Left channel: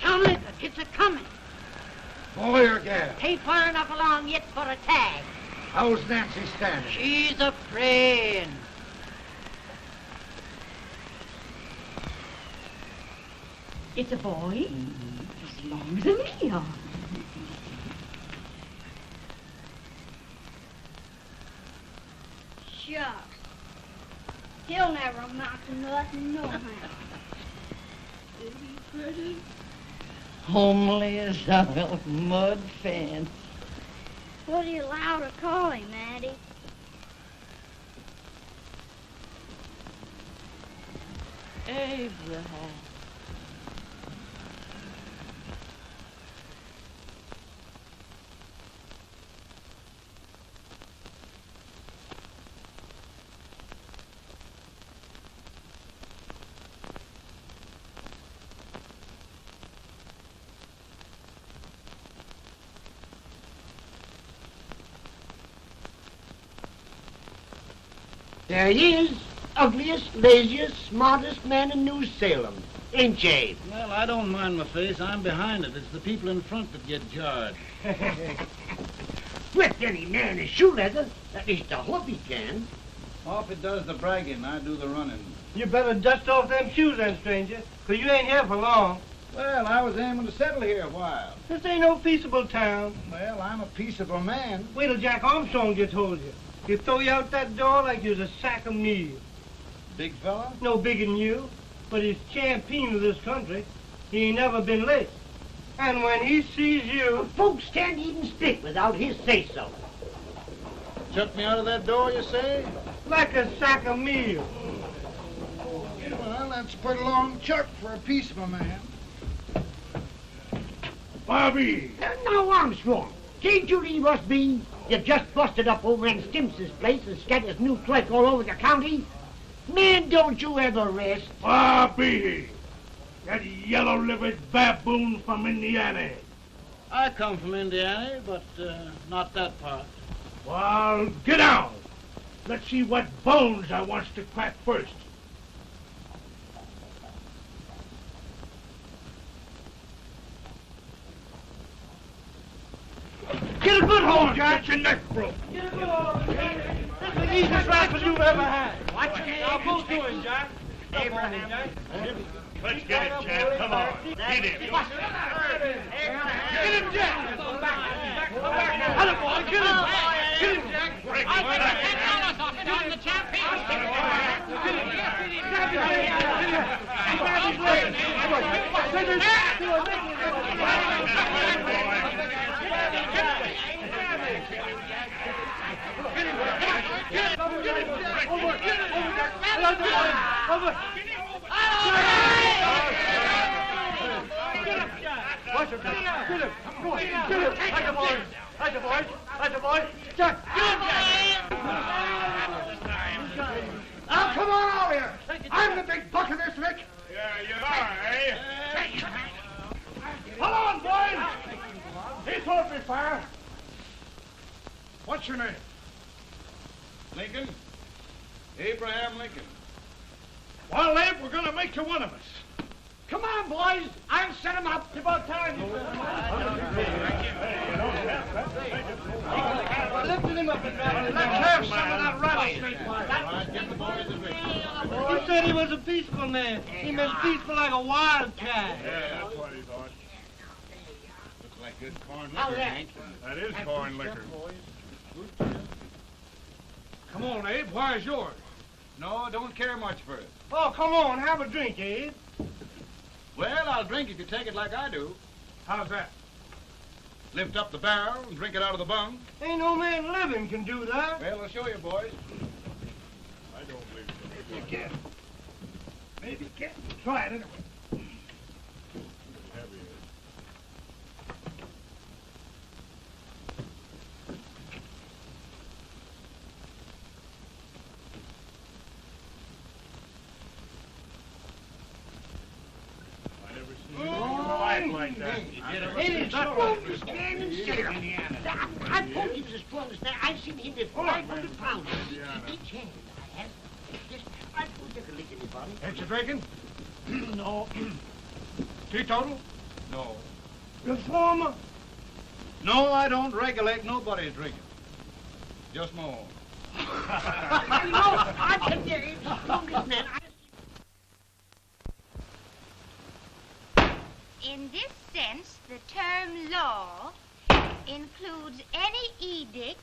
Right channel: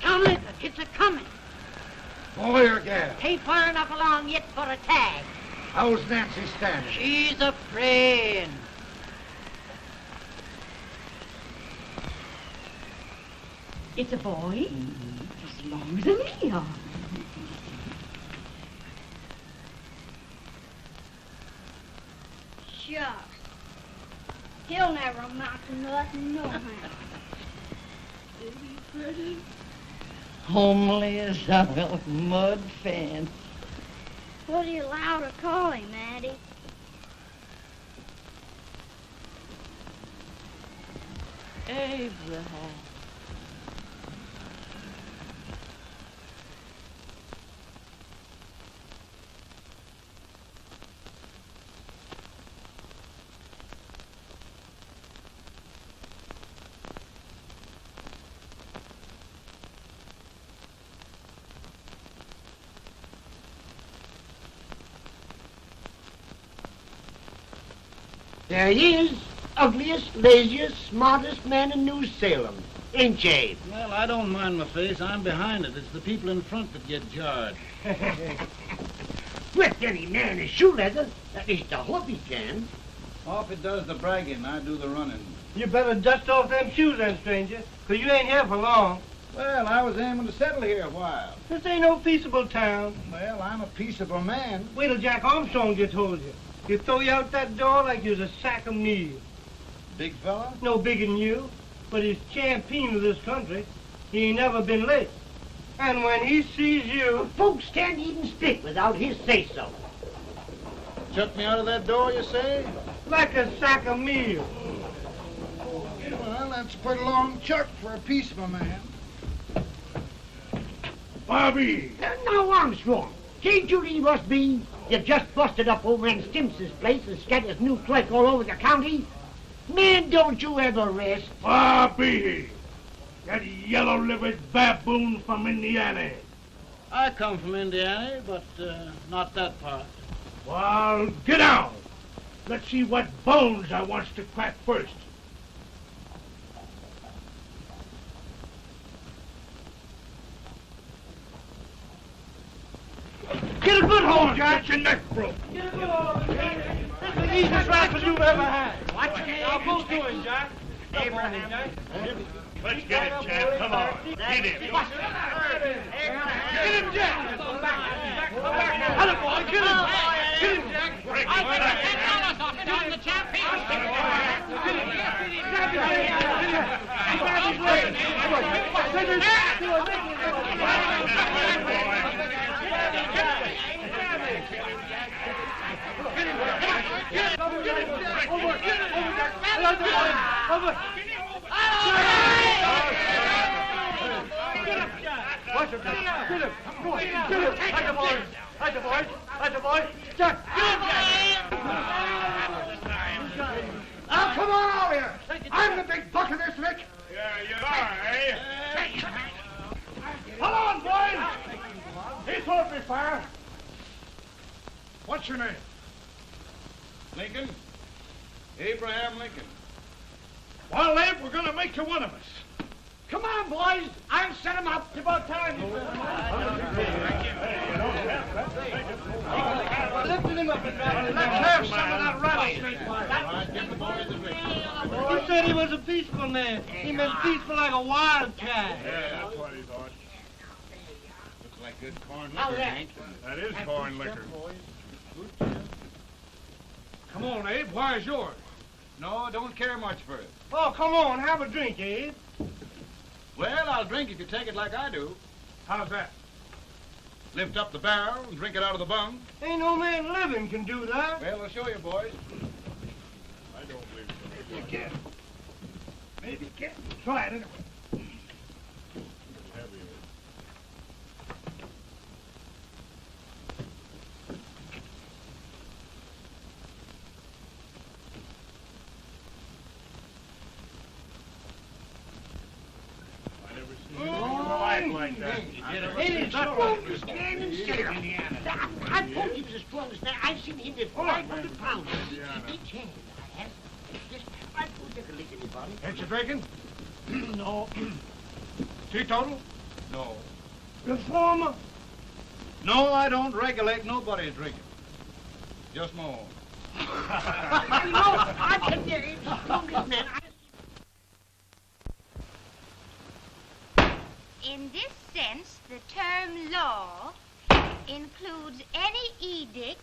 Tomlin, it's a-coming. Boy or gal? Ain't far enough along yet for a tag. How's Nancy standing? She's afraid. It's a boy, as long as a me are. Shucks. He'll never amount to nothing, no how. Homely as a mud fence. What do you allow to call him, Addie? Abraham. There he is, ugliest, laziest, smartest man in New Salem, ain't ye? Well, I don't mind my face. I'm behind it. It's the people in front that get jarred. With any man is shoe leather, at least I hope he can. Off it does the bragging, I do the running. You better dust off them shoes then, stranger, 'cause you ain't here for long. Well, I was aiming to settle here a while. This ain't no peaceable town. Well, I'm a peaceable man. Wait till Jack Armstrong gets hold of you. He'll throw you out that door like you're a sack of meal. Big fella? No bigger than you, but he's champion of this country. He ain't never been late. And when he sees you... Folks can't even speak without his say-so. Shut me out of that door, you say? Like a sack of meal. Well, that's a pretty long chuck for a peaceable man. Bobby! Now, Armstrong, can't you leave us be? You just busted up over in Stimpson's place and scattered new clerk all over the county. Man, don't you ever rest. Bobby! That yellow-livered baboon from Indiana. I come from Indiana, but not that part. Well, get out. Let's see what bones I wants to crack first. Get a good hold, Jack. Get your neck broke. Get a good hold. That's the easiest rifle you've ever had. Watch it. Now go to him, Jack. Come on, Jack. Let's get it, Jack. Come on. Get it. Get him, Jack. Hello, boy. Kill him. Kill him, Jack. Break his back. Now, come on over here. I'm the big buck of this lick. Yeah, you are, eh? Come on, boys. He's open fire. What's your name? Lincoln? Abraham Lincoln. Well, Abe, we're going to make you one of us. Come on, boys. I'll set him up. It's about time. Lifting him up and dropping him. Let's have some of that rattlesnake. He said he was a peaceful man. He was peaceful like a wildcat. Yeah, that's what he thought. Looks like good corn How's liquor, that? Hank. That is corn liquor. Come on, Abe. Where's yours? No, don't care much for it. Oh, come on. Have a drink, Abe. Well, I'll drink if you take it like I do. How's that? Lift up the barrel and drink it out of the bung. Ain't no man living can do that. Well, I'll show you, boys. I don't believe so. Maybe you can. Maybe you can. Try it anyway. Stand still. I told you this brother's there. I've seen him with 500 pounds. Each hand. I told you to lick anybody. Ain't you drinking? No. Teetotal? No. Reformer? No, I don't regulate nobody drinking. Just my own. I can get it. Man. In this sense, the term law includes any edict,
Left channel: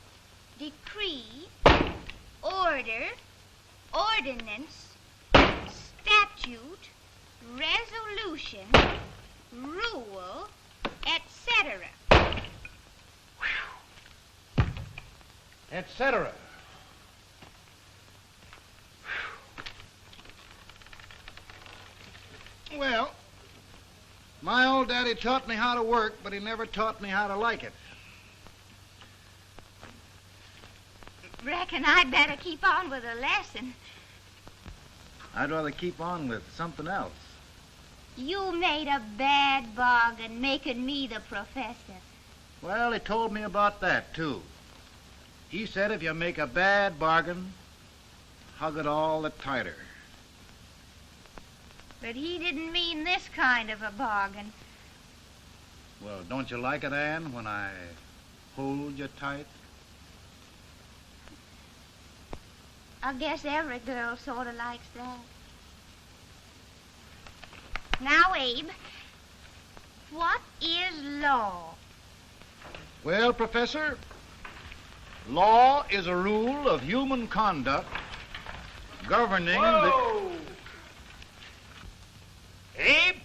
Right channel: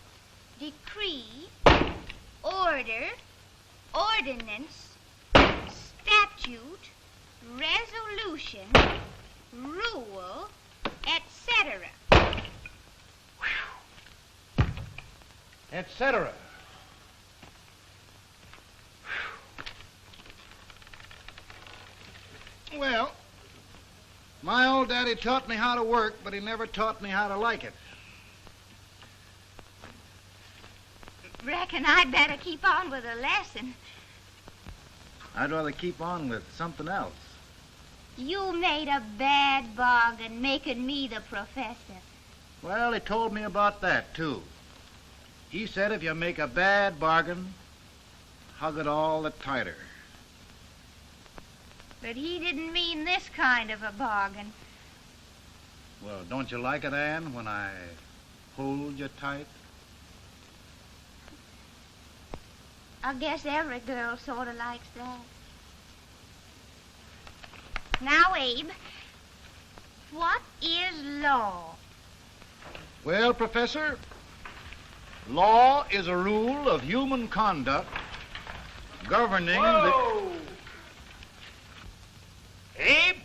decree, order, ordinance, statute, resolution, rule, etc. Etc. Well, my old daddy taught me how to work, but he never taught me how to like it. Reckon I'd better keep on with the lesson. I'd rather keep on with something else. You made a bad bargain making me the professor. Well, he told me about that, too. He said if you make a bad bargain, hug it all the tighter. But he didn't mean this kind of a bargain. Well, don't you like it, Anne, when I hold you tight? I guess every girl sort of likes that. Now, Abe, what is law? Well, Professor, law is a rule of human conduct governing Whoa! Abe,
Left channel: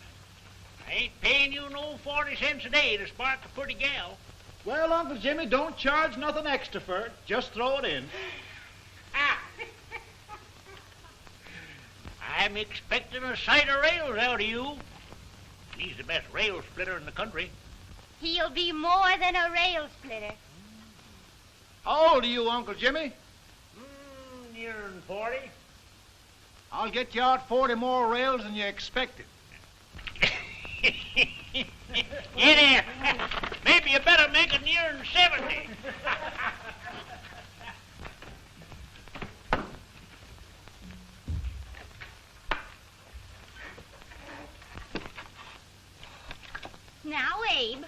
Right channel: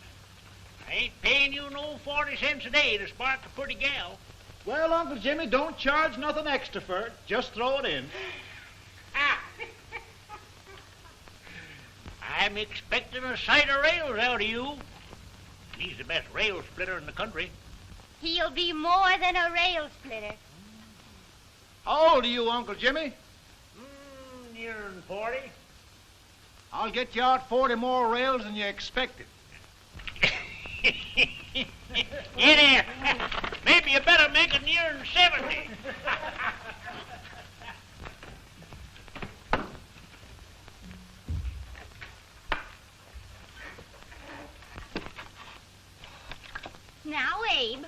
I ain't paying you no 40 cents a day to spark a pretty gal. Well, Uncle Jimmy, don't charge nothing extra for it. Just throw it in. Ah. I'm expecting a sight of rails out of you. He's the best rail splitter in the country. He'll be more than a rail splitter. How old are you, Uncle Jimmy? Nearing 40. I'll get you out 40 more rails than you expected. Yeah, maybe you better make it nearing 70. Now, Abe,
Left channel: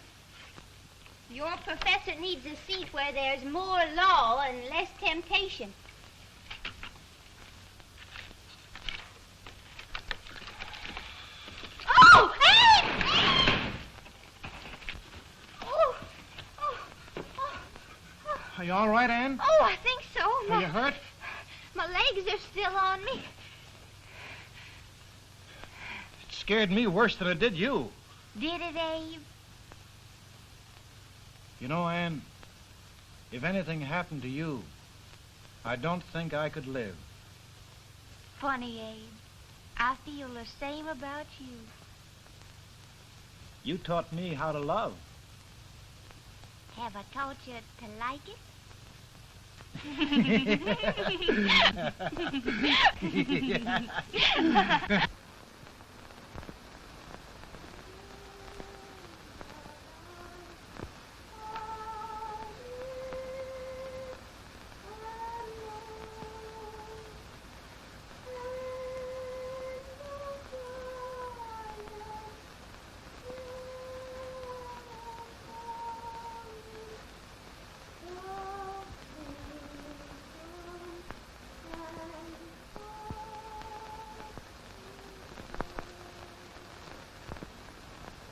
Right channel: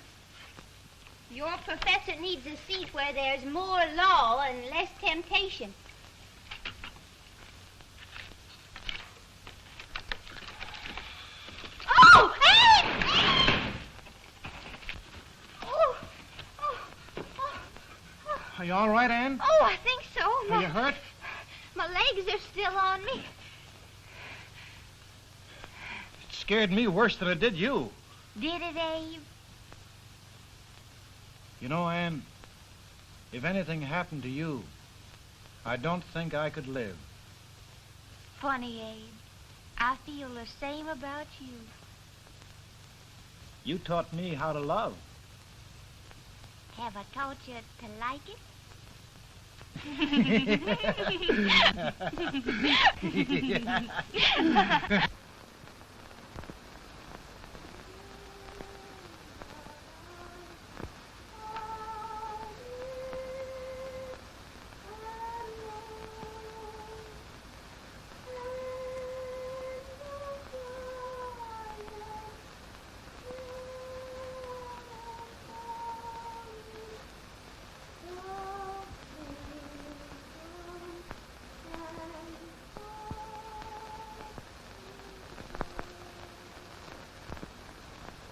your professor needs a seat where there's more law and less temptation. Oh, Abe! Are you all right, Anne? Oh, I think so. Are you hurt? My legs are still on me. It scared me worse than it did you. Did it, Abe? You know, Anne, if anything happened to you, I don't think I could live. Funny, Abe. I feel the same about you. You taught me how to love. Have I taught you to like it?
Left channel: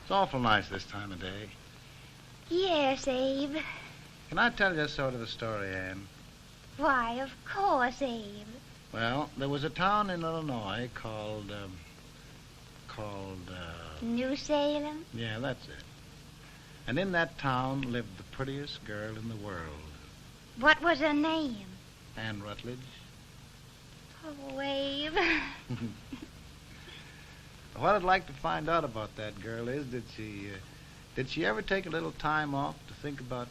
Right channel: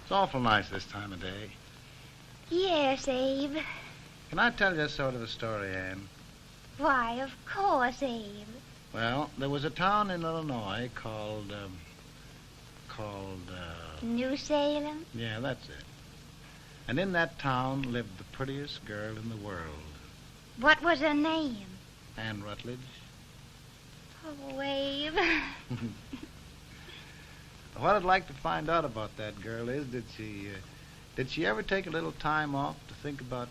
It's awful nice this time of day. Yes, Abe. Can I tell you sort of a story, Anne? Why, of course, Abe. Well, there was a town in Illinois called, New Salem? yeah, that's it. And in that town lived the prettiest girl in the world, What was her name? Anne Rutledge. Oh, Abe. What I'd like to find out about that girl is, did she ever take a little time off to think about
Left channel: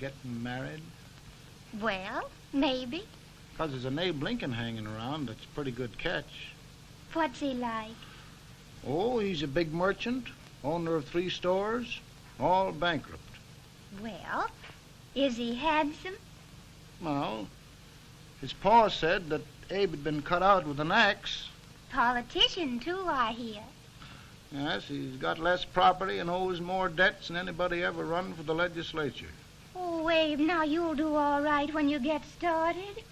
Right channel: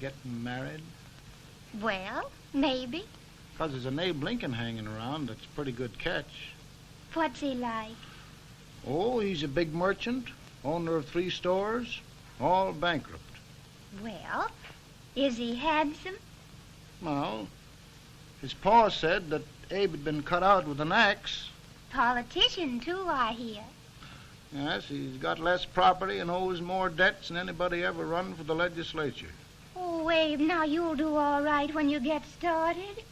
getting married? Well, maybe. Because there's an Abe Lincoln hanging around that's a pretty good catch. What's he like? Oh, he's a big merchant, owner of 3 stores, All bankrupt. Well, is he handsome? Well, his pa said that Abe had been cut out with an axe. Politician, too, I hear. Yes, he's got less property and owes more debts than anybody ever run for the legislature. Oh, Abe, now you'll do all right when you get started.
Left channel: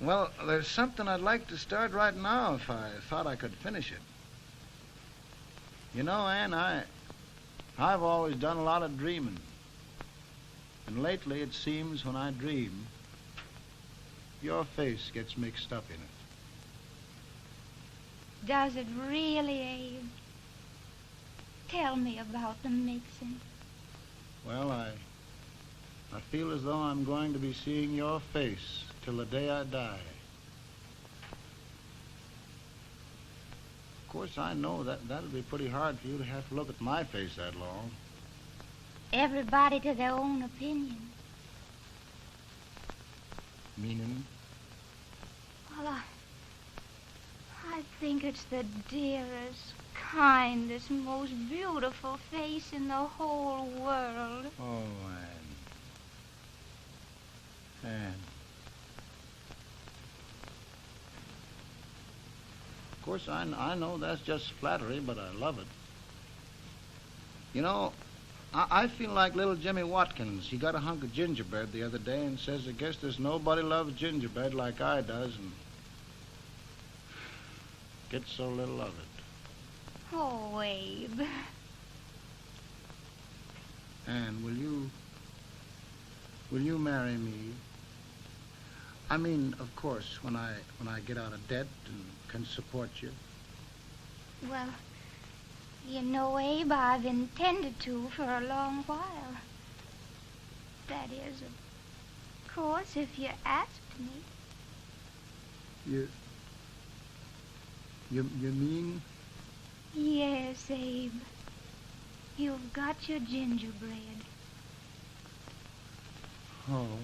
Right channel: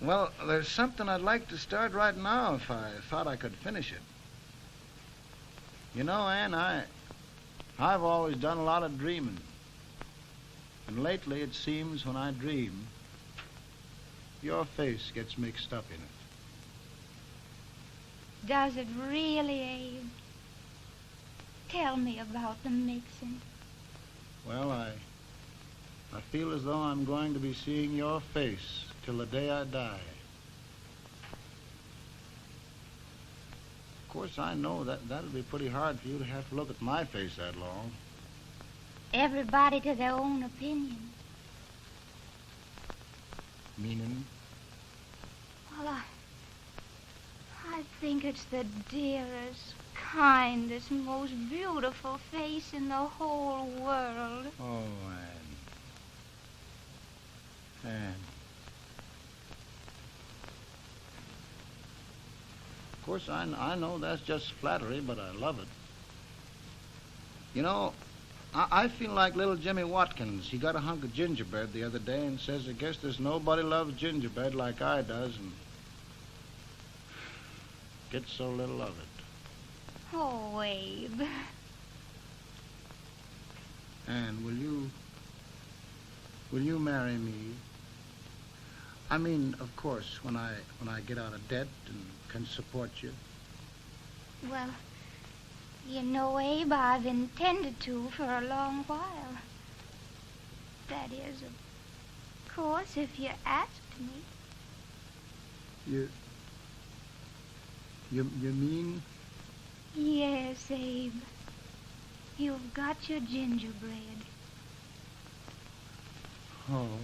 Well, there's something I'd like to start right now if I thought I could finish it. You know, Ann, I've always done a lot of dreaming. And lately it seems when I dream, your face gets mixed up in it. Does it really, Abe? Tell me about the mixing. Well, I feel as though I'm going to be seeing your face till the day I die. Of course, I know that'll be pretty hard for you to have to look at my face that long. Everybody to their own opinion. Meaning? Well, I think it's the dearest, kindest, most beautiful face in the whole world. Oh, Ann. Of course, I know that's just flattery, but I love it. You know, I feel like little Jimmy Watkins. He got a hunk of gingerbread the other day and says, I guess there's nobody loves gingerbread like I does, and gets so little of it. Oh, Abe. Ann, will you marry me? I mean, of course, when I get out of debt and can support you. Well, you know, Abe, I've intended to for a long while. That is, of course, if you asked me. You mean? Yes, Abe. You've got your gingerbread. Oh,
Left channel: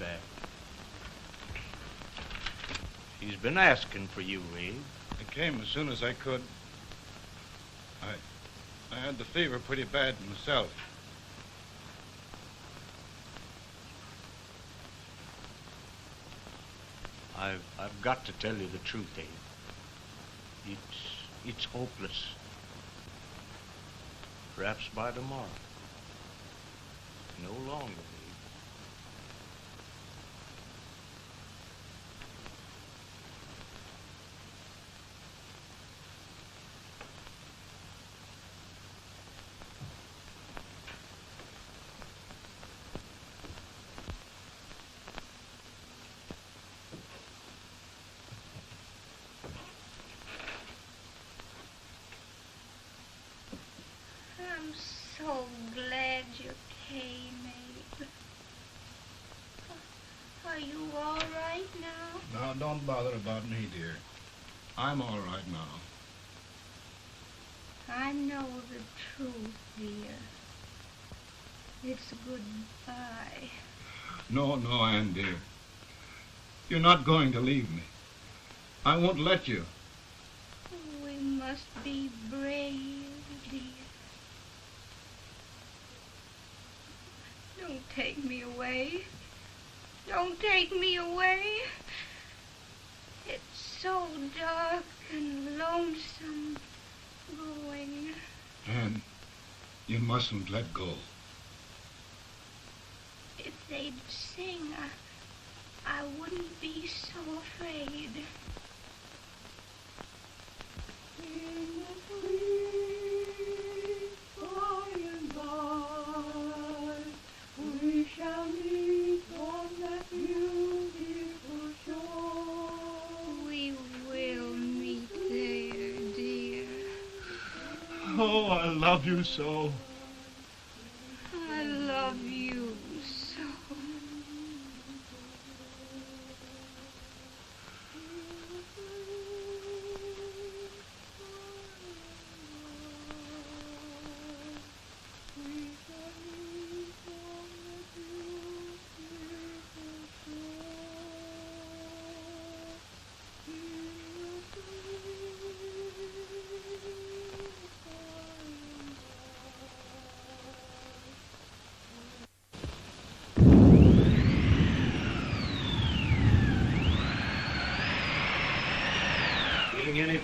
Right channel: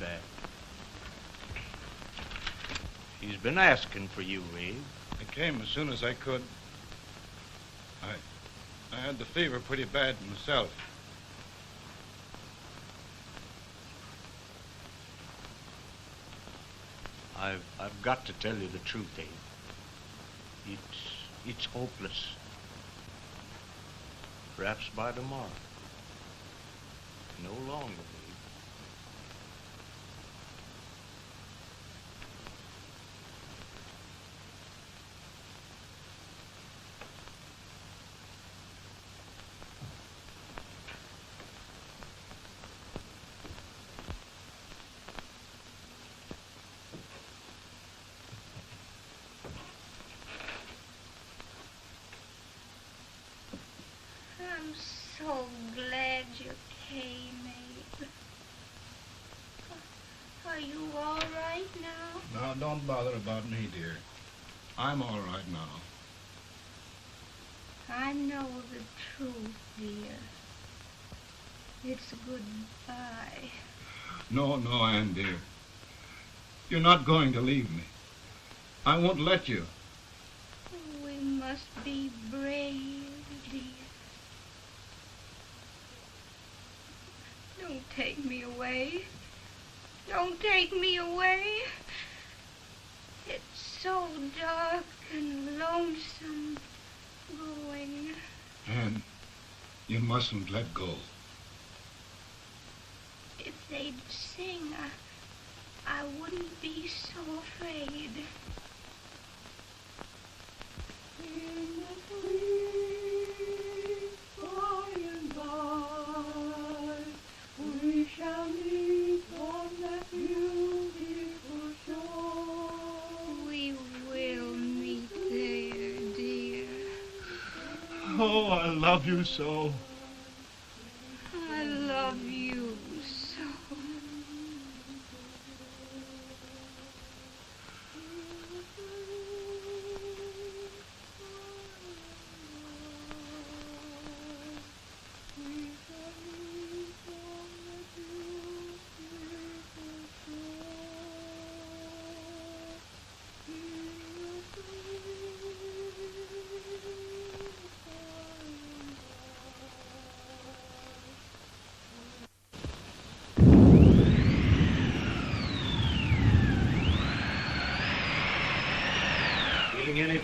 Bad. He's been asking for you, Abe. I came as soon as I could. I had the fever pretty bad myself. I've got to tell you the truth, Abe. It's hopeless. Perhaps by tomorrow. No longer. I'm so glad you came, Abe. Are you all right now? No, don't bother about me, dear. I'm all right now. I know the truth, dear. It's goodbye. No, Ann, dear. You're not going to leave me. I won't let you. We must be brave, dear. Don't take me away. Don't take me away. It's so dark and lonesome going. Ann, you mustn't let go. If they'd sing, I wouldn't be so afraid. We shall meet on that beautiful shore. We will. I love you so. I love you so.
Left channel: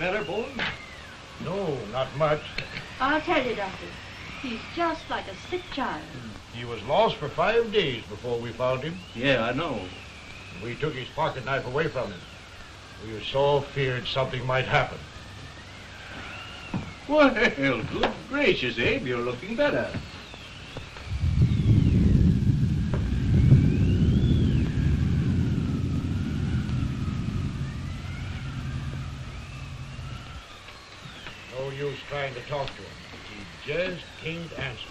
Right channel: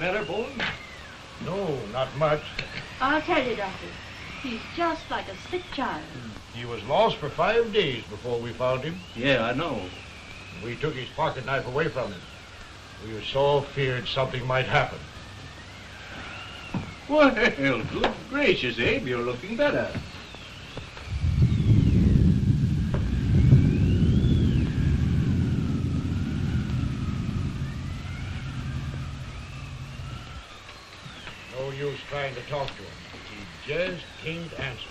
Better, boy? No, not much. I'll tell you, Doctor, he's just like a sick child. He was lost for 5 days before we found him. Yeah, I know. We took his pocket knife away from him. We were so feared something might happen. Well, good gracious, Abe, you're looking better. No use trying to talk to him. He just can't answer.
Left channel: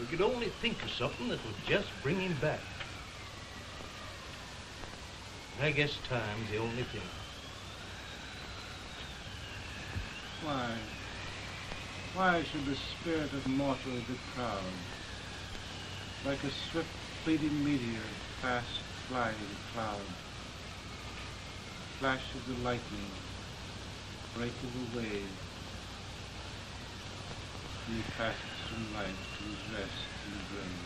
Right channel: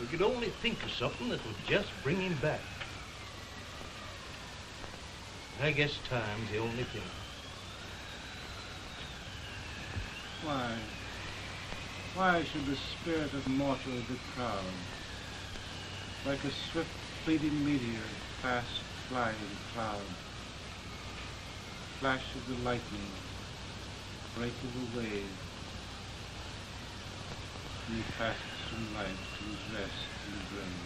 We could only think of something that would just bring him back. I guess time's the only thing. Why should the spirit of mortal be proud? Like a swift fleeting meteor, fast flying cloud. Flash of the lightning, break of the wave. He passes from life to his rest in the grave.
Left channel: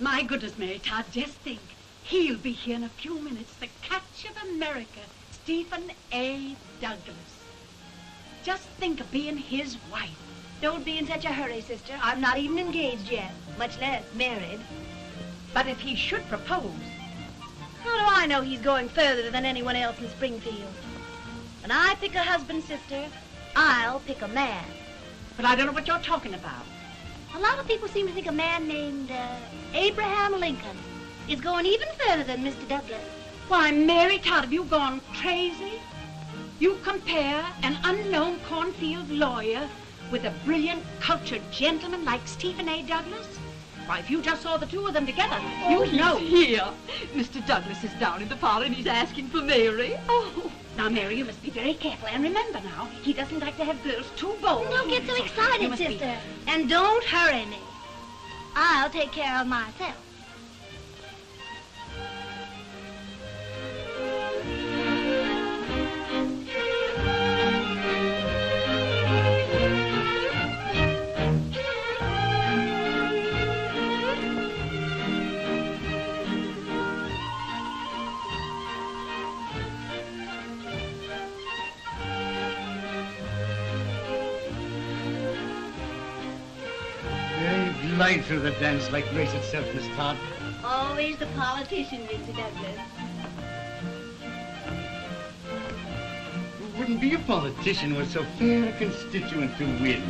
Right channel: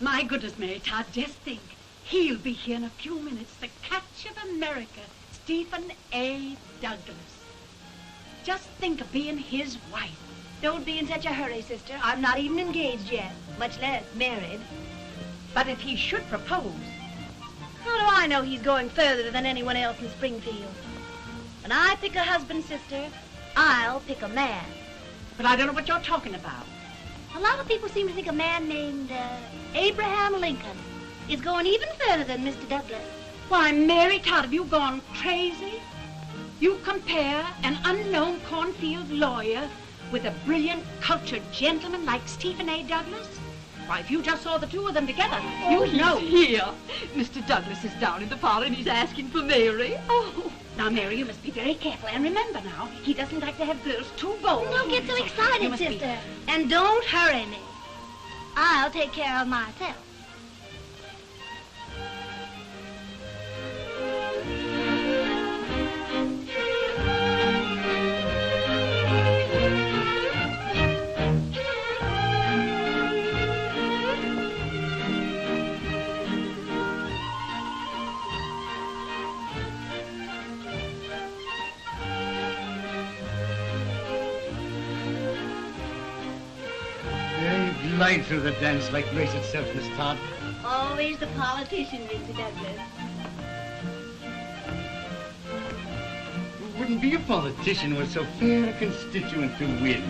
My goodness, Mary Todd, just think. He'll be here in a few minutes. The catch of America, Stephen A. Douglas. Just think of being his wife. Don't be in such a hurry, sister. I'm not even engaged yet, much less married. But if he should propose... How do I know he's going further than anyone else in Springfield? When I pick a husband, sister, I'll pick a man. But I don't know what you're talking about. A lot of people seem to think a man named Abraham Lincoln is going even further than Mr. Douglas. Why, Mary Todd, have you gone crazy? You compare an unknown cornfield lawyer with a brilliant, cultured gentleman like Stephen A. Douglas? Why, if you just saw the two of them together, you'd know. Here. Mr. Douglas is down in the parlor and he's asking for Mary. Oh, now, Mary, you must be very careful. And remember now, he doesn't like to have girls too bold. Don't get so excited, sister. And don't hurry me. I'll take care of myself. Glide through the dance like grace itself, Miss Todd. Always the politician, Mr. Douglas. We wouldn't be a politician with so fair a constituent to win.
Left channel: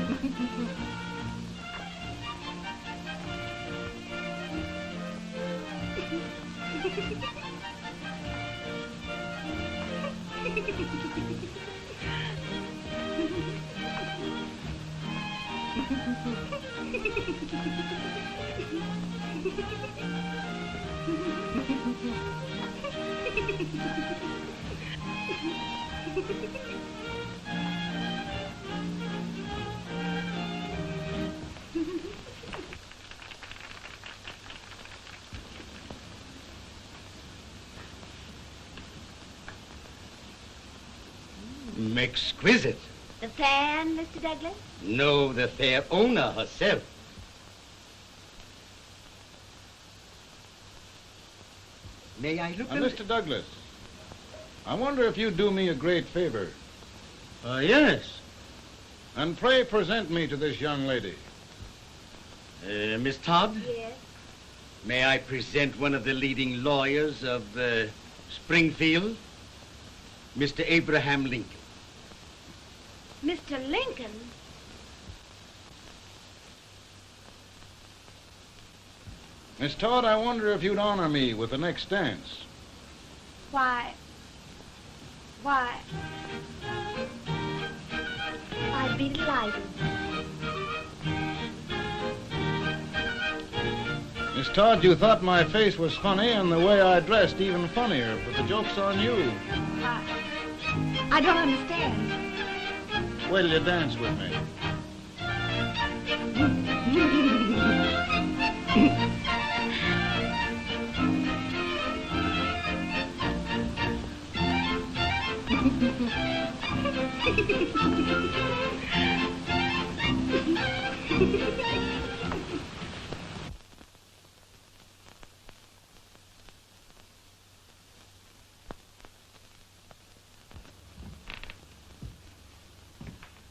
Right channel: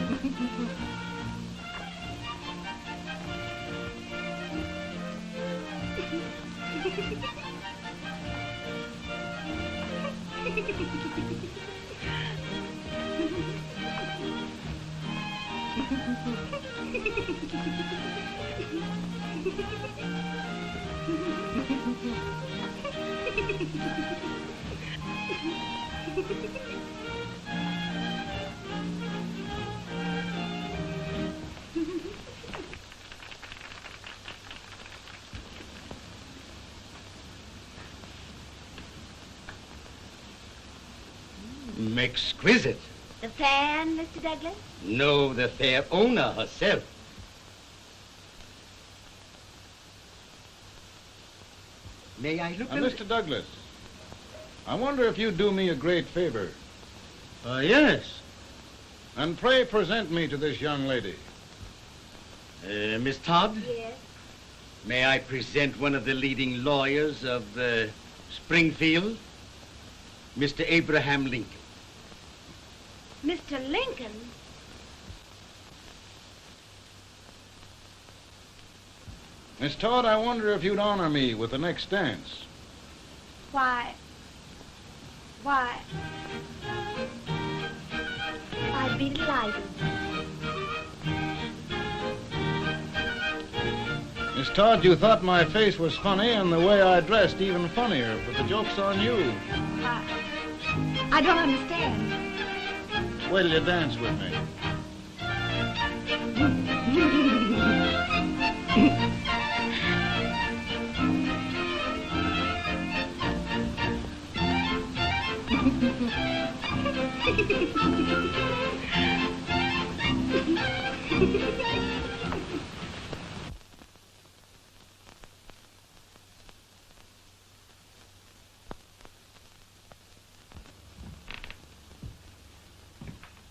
Exquisite. The fan, Mr. Douglas? No, the fair owner herself. May I look at Mr. Douglas, I wonder if you'd do me a great favor. Yes. And pray present me to this young lady. Miss Todd? Yes. May I present one of the leading lawyers of Springfield, Mr. Abraham Lincoln. Mr. Lincoln? Miss Todd, I wonder if you'd honor me with the next dance. Why, I'd be delighted. Miss Todd, you thought my face was funny and the way I dressed even funnier, but the joke's on you. I don't understand. Wait till you dance with me.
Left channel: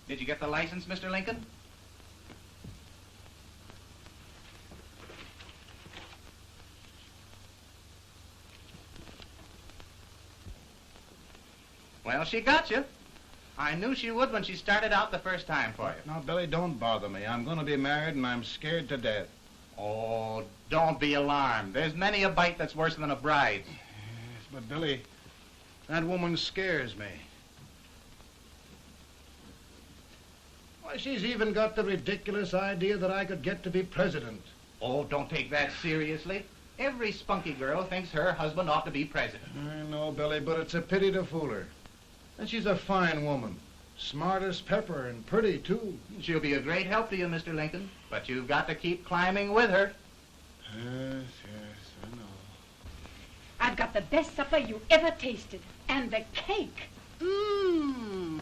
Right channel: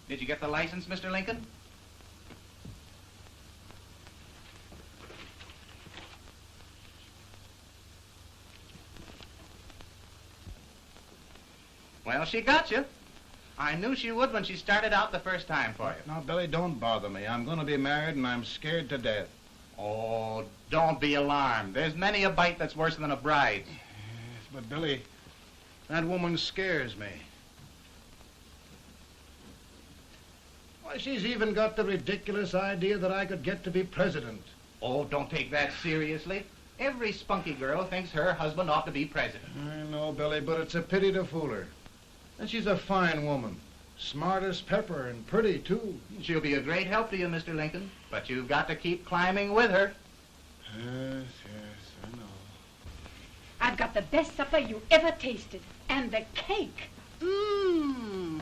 Did you get the license, Mr. Lincoln? Well, she got you. I knew she would when she started out the first time for you. Now, Billy, don't bother me. I'm going to be married and I'm scared to death. Oh, don't be alarmed. There's many a bite that's worse than a bride. Yes, but Billy, that woman scares me. Why, she's even got the ridiculous idea that I could get to be president. Oh, don't take that seriously. Every spunky girl thinks her husband ought to be president. I know, Billy, but it's a pity to fool her. And she's a fine woman. Smart as pepper and pretty, too. She'll be a great help to you, Mr. Lincoln. But you've got to keep climbing with her. Yes, I know. I've got the best supper you ever tasted. And the cake. Mmm.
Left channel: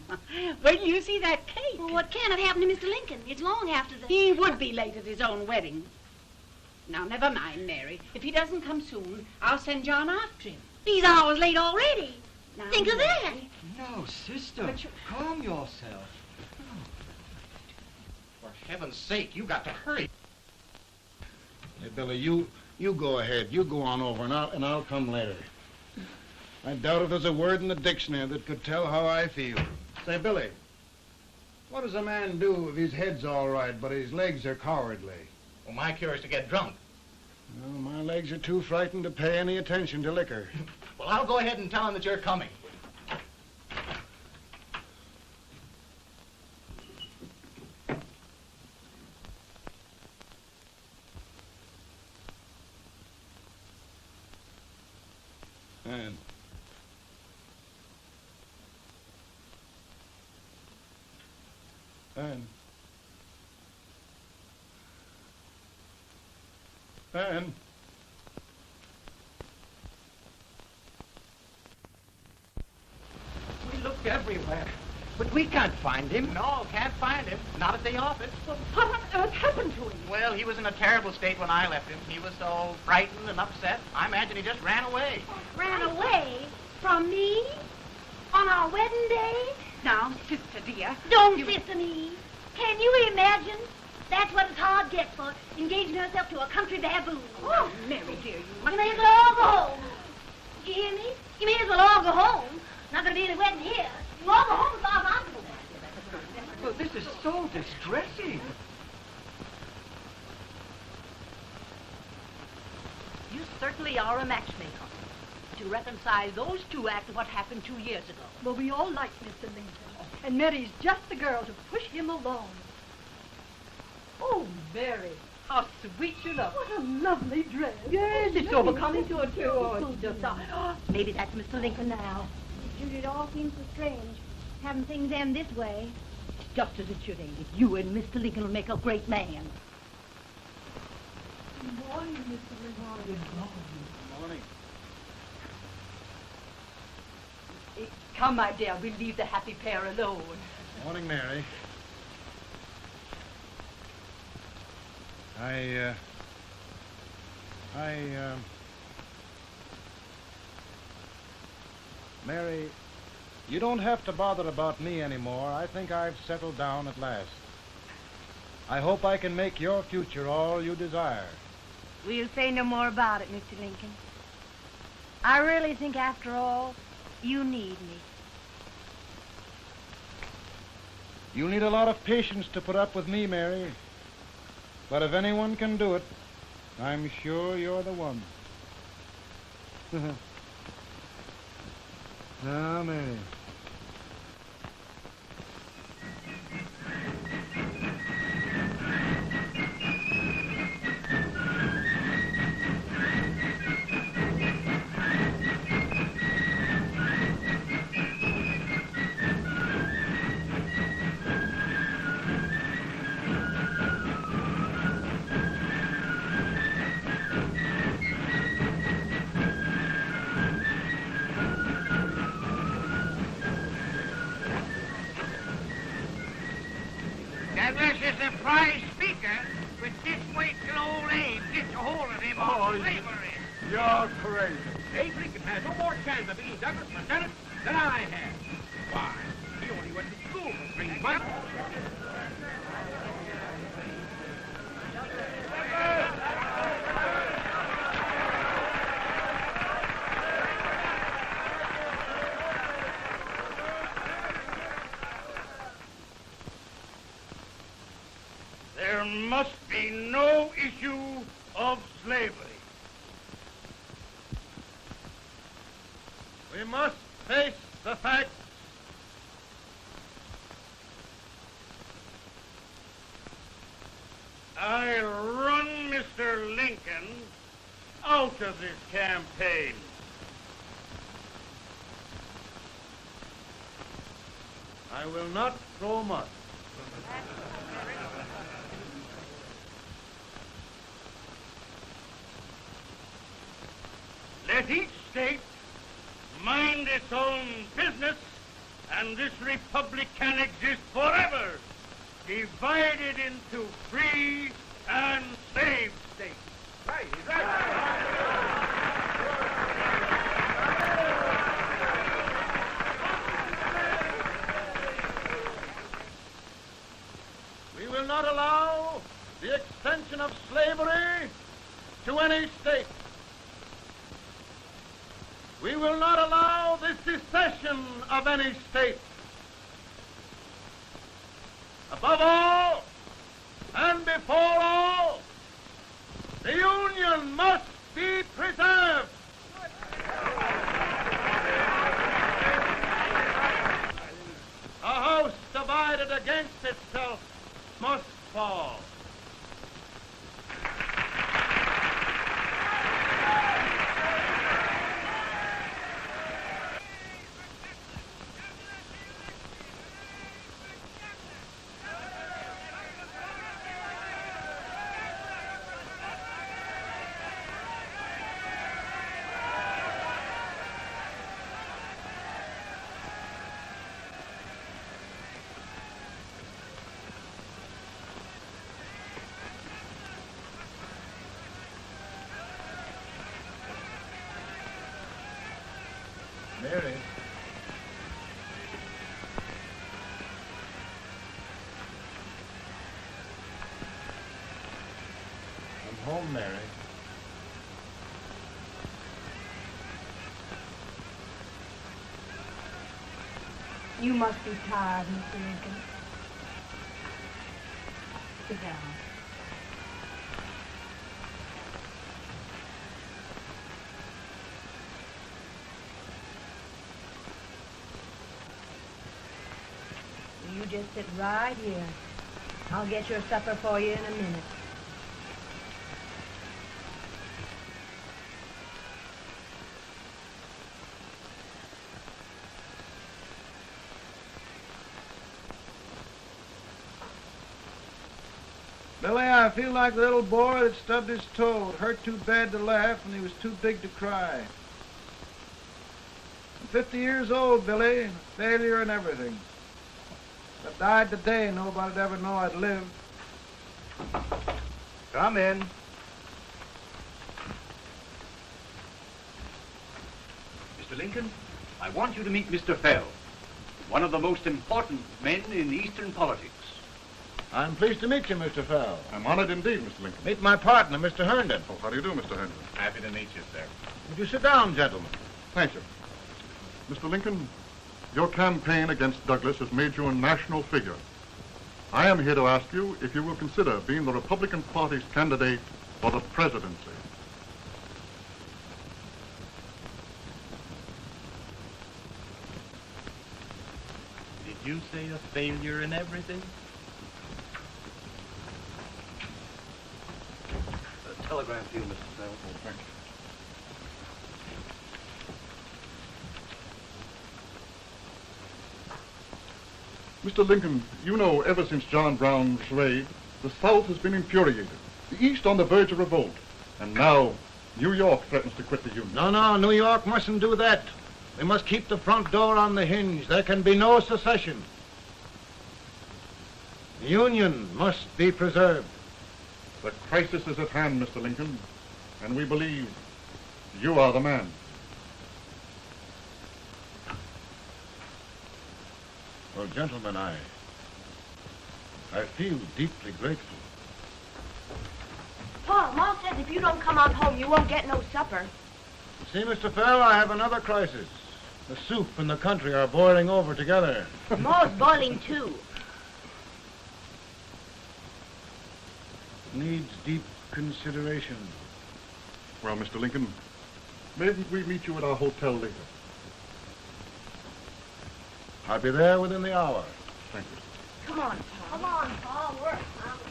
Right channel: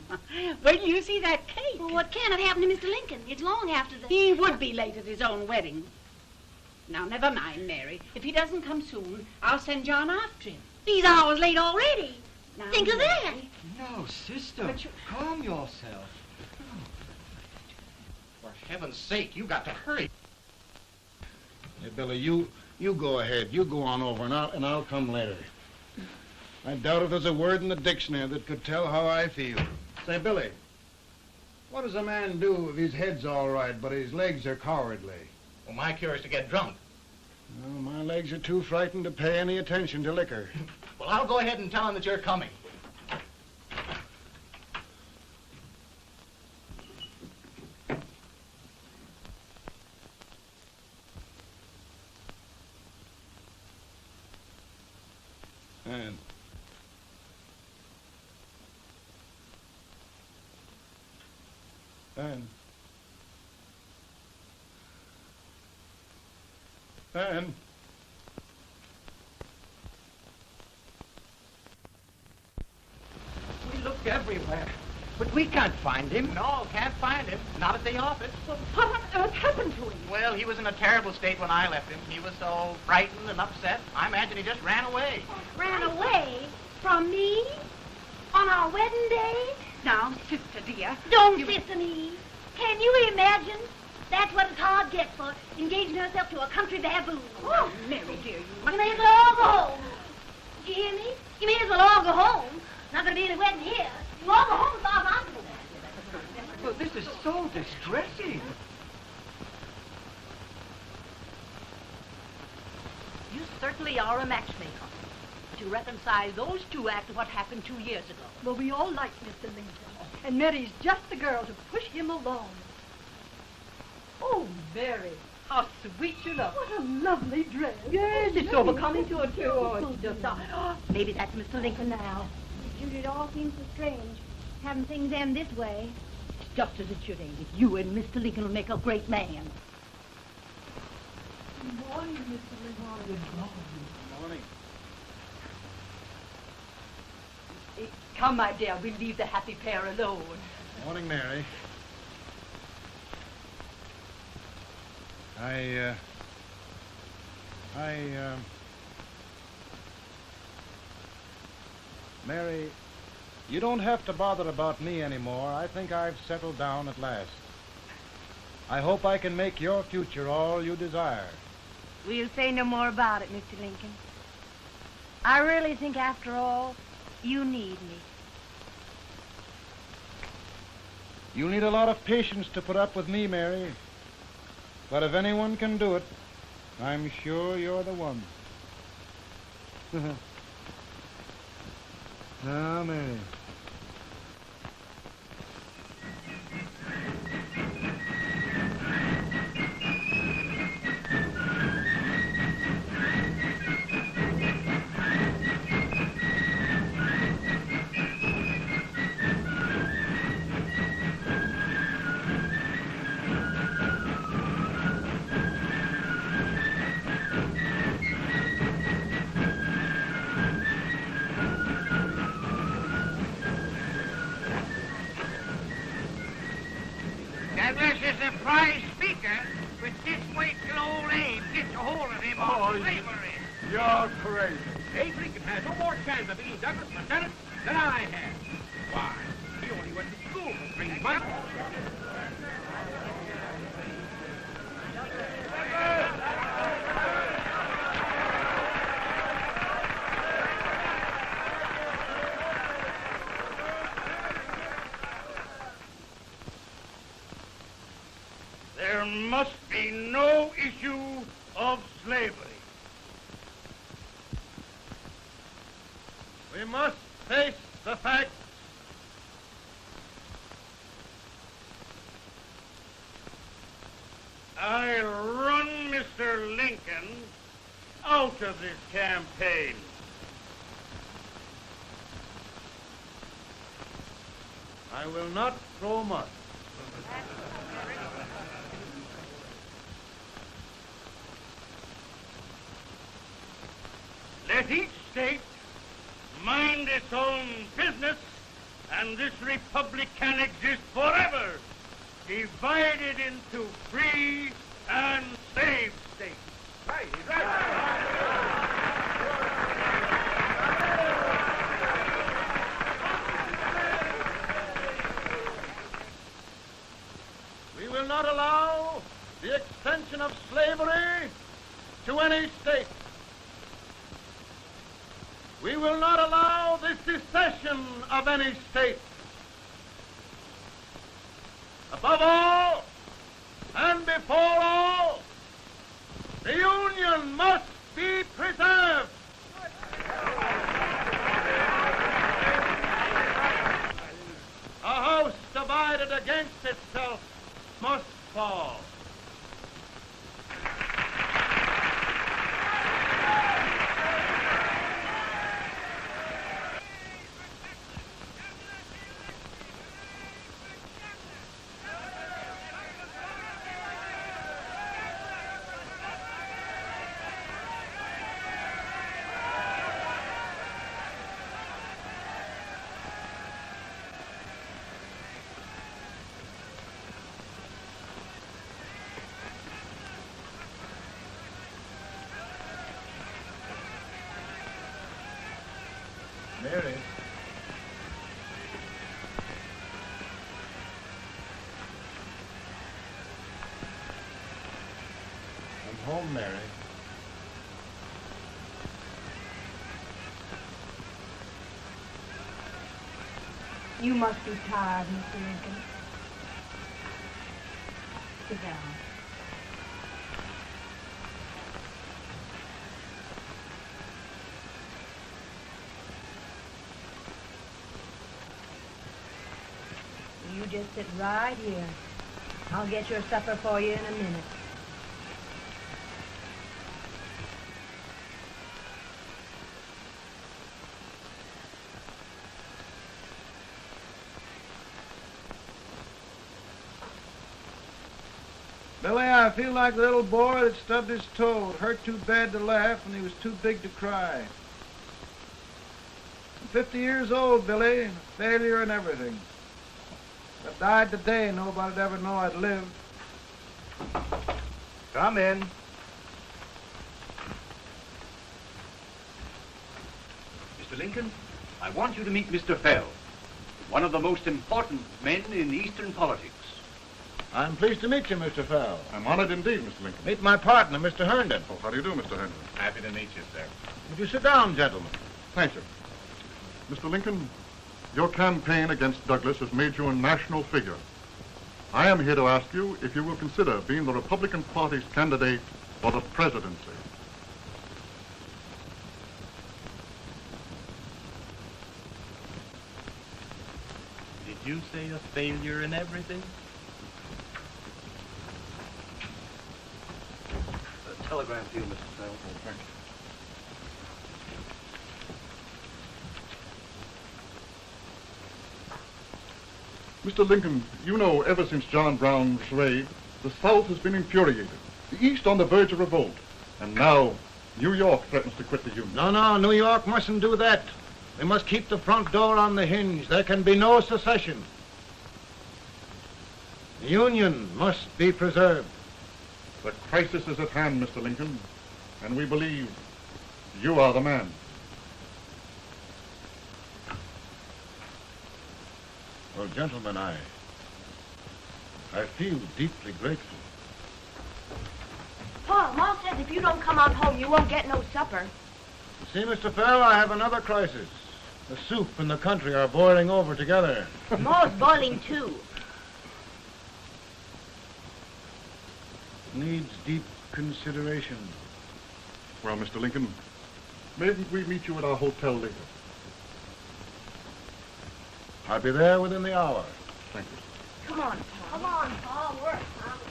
Wait till you see that cake. Well, what can have happened to Mr. Lincoln? It's long after the... He would be late at his own wedding. Now, never mind, Mary. If he doesn't come soon, I'll send John after him. He's hours late already. Now, Think of that. No, sister, calm yourself. heaven's sake, you got to hurry. Hey, Billy, you go ahead. You go on over, and I'll come later. I doubt if there's a word in the dictionary that could tell how I feel. Say, Billy, what does a man do if his head's all right, but his legs are cowardly? Well, my cure is to get drunk. Well, my legs are too frightened to pay any attention to liquor. Well, I'll go ahead and tell him that you're coming. Ben. We looked everywhere, but we can't find him. No, can't find him. Not at the office. Well, what on earth happened to him? Well, he was in a terrible state when I left him. He was so frightened and upset. I imagine he just ran away. Ran away from me? On our wedding day? Now, sister dear. Don't sister me. Can you imagine? That's what it's hard gets for engaging herself to a country baboon. Oh, Mary, dear, You may as well all go home. You hear me? You may as well all go home. Not gonna be any wedding here. You all go home as far as I'm concerned. Well, this is so distressing. You certainly are a matchmaker. To reconcile those two after what happened 2 years ago. Well, we all like Mr. Lincoln. And Mary's just the girl to push him along. Oh, Mary, how sweet you look. What a lovely dress. Yes, it's so becoming to her, too. Oh, it's just, maybe that's Mr. Lincoln now. It all seems so strange, having things end this way. Just as it should end. You and Mr. Lincoln will make a great man. Good morning, Mr. Lincoln. Good morning. Morning. Come, my dear, we'll leave the happy pair alone. Morning, Mary. Mary, you don't have to bother about me anymore. I think I've settled down at last. I hope I can make your future all you desire. We'll say no more about it, Mr. Lincoln. I really think, after all, you need me. You'll need a lot of patience to put up with me, Mary. But if anyone can do it, I'm sure you're the one. Now, Mary. Douglas is a prize speaker, but this waits till old Abe gets a hold of him on slavery. You're crazy. Abe Lincoln has no more chance of being Douglas Lieutenant than I have. Why? He only went to school for 3 months. There must be no issue of slavery. We must face the fact I run Mr. Lincoln out of this campaign. I will not throw much. Let each state mind its own business, and this republic can exist forever, divided into free and slave states. Right, We will not allow slavery to any state. We will not allow the secession of any state. Above all, and before all, the Union must be preserved. A house divided against itself must fall. Mary. I'm home, Mary. You must be tired, Mr. Lincoln. Sit down. You just sit right here. I'll get your supper for you in a minute. Billy, I feel like a little boy that stubbed his toe. It hurt too bad to laugh and he was too big to cry. I'm 50 years old, Billy. Failure and everything. If I died today, nobody'd ever know I'd lived. Come in. Mr. Lincoln, I want you to meet Mr. Fell, one of the most important men in Eastern politics. I'm pleased to meet you, Mr. Fell. I'm honored indeed, Mr. Lincoln. Meet my partner, Mr. Herndon. Oh, how do you do, Mr. Henry? Happy to meet you, sir. Would you sit down, gentlemen? Thank you. Mr. Lincoln, your campaign against Douglas has made you a national figure. I am here to ask you if you will consider being the Republican Party's candidate for the presidency. Did you say a failure in everything? A telegram to you, Mr. Fell. Thank you. Mr. Lincoln, you know ever since John Brown was slaved, the South has been infuriated, the East on the verge of revolt, and now New York threatens to quit the Union. No, New York mustn't do that. They must keep the front door on the hinge. There can be no secession. The Union must be preserved. The crisis is at hand, Mr. Lincoln, and we believe you are the man. Well, gentlemen, I feel deeply grateful. Pa, Ma says if you don't come on home, you won't get no supper. See, Mr. Fell, I have another crisis. The soup and the country are boiling over together. Ma's boiling too. Needs deep consideration. Well, Mr. Lincoln, maybe we meet you at our hotel later. I'll be there within the hour. Thank you. Come on, Pa. Come on, Pa. We're hungry.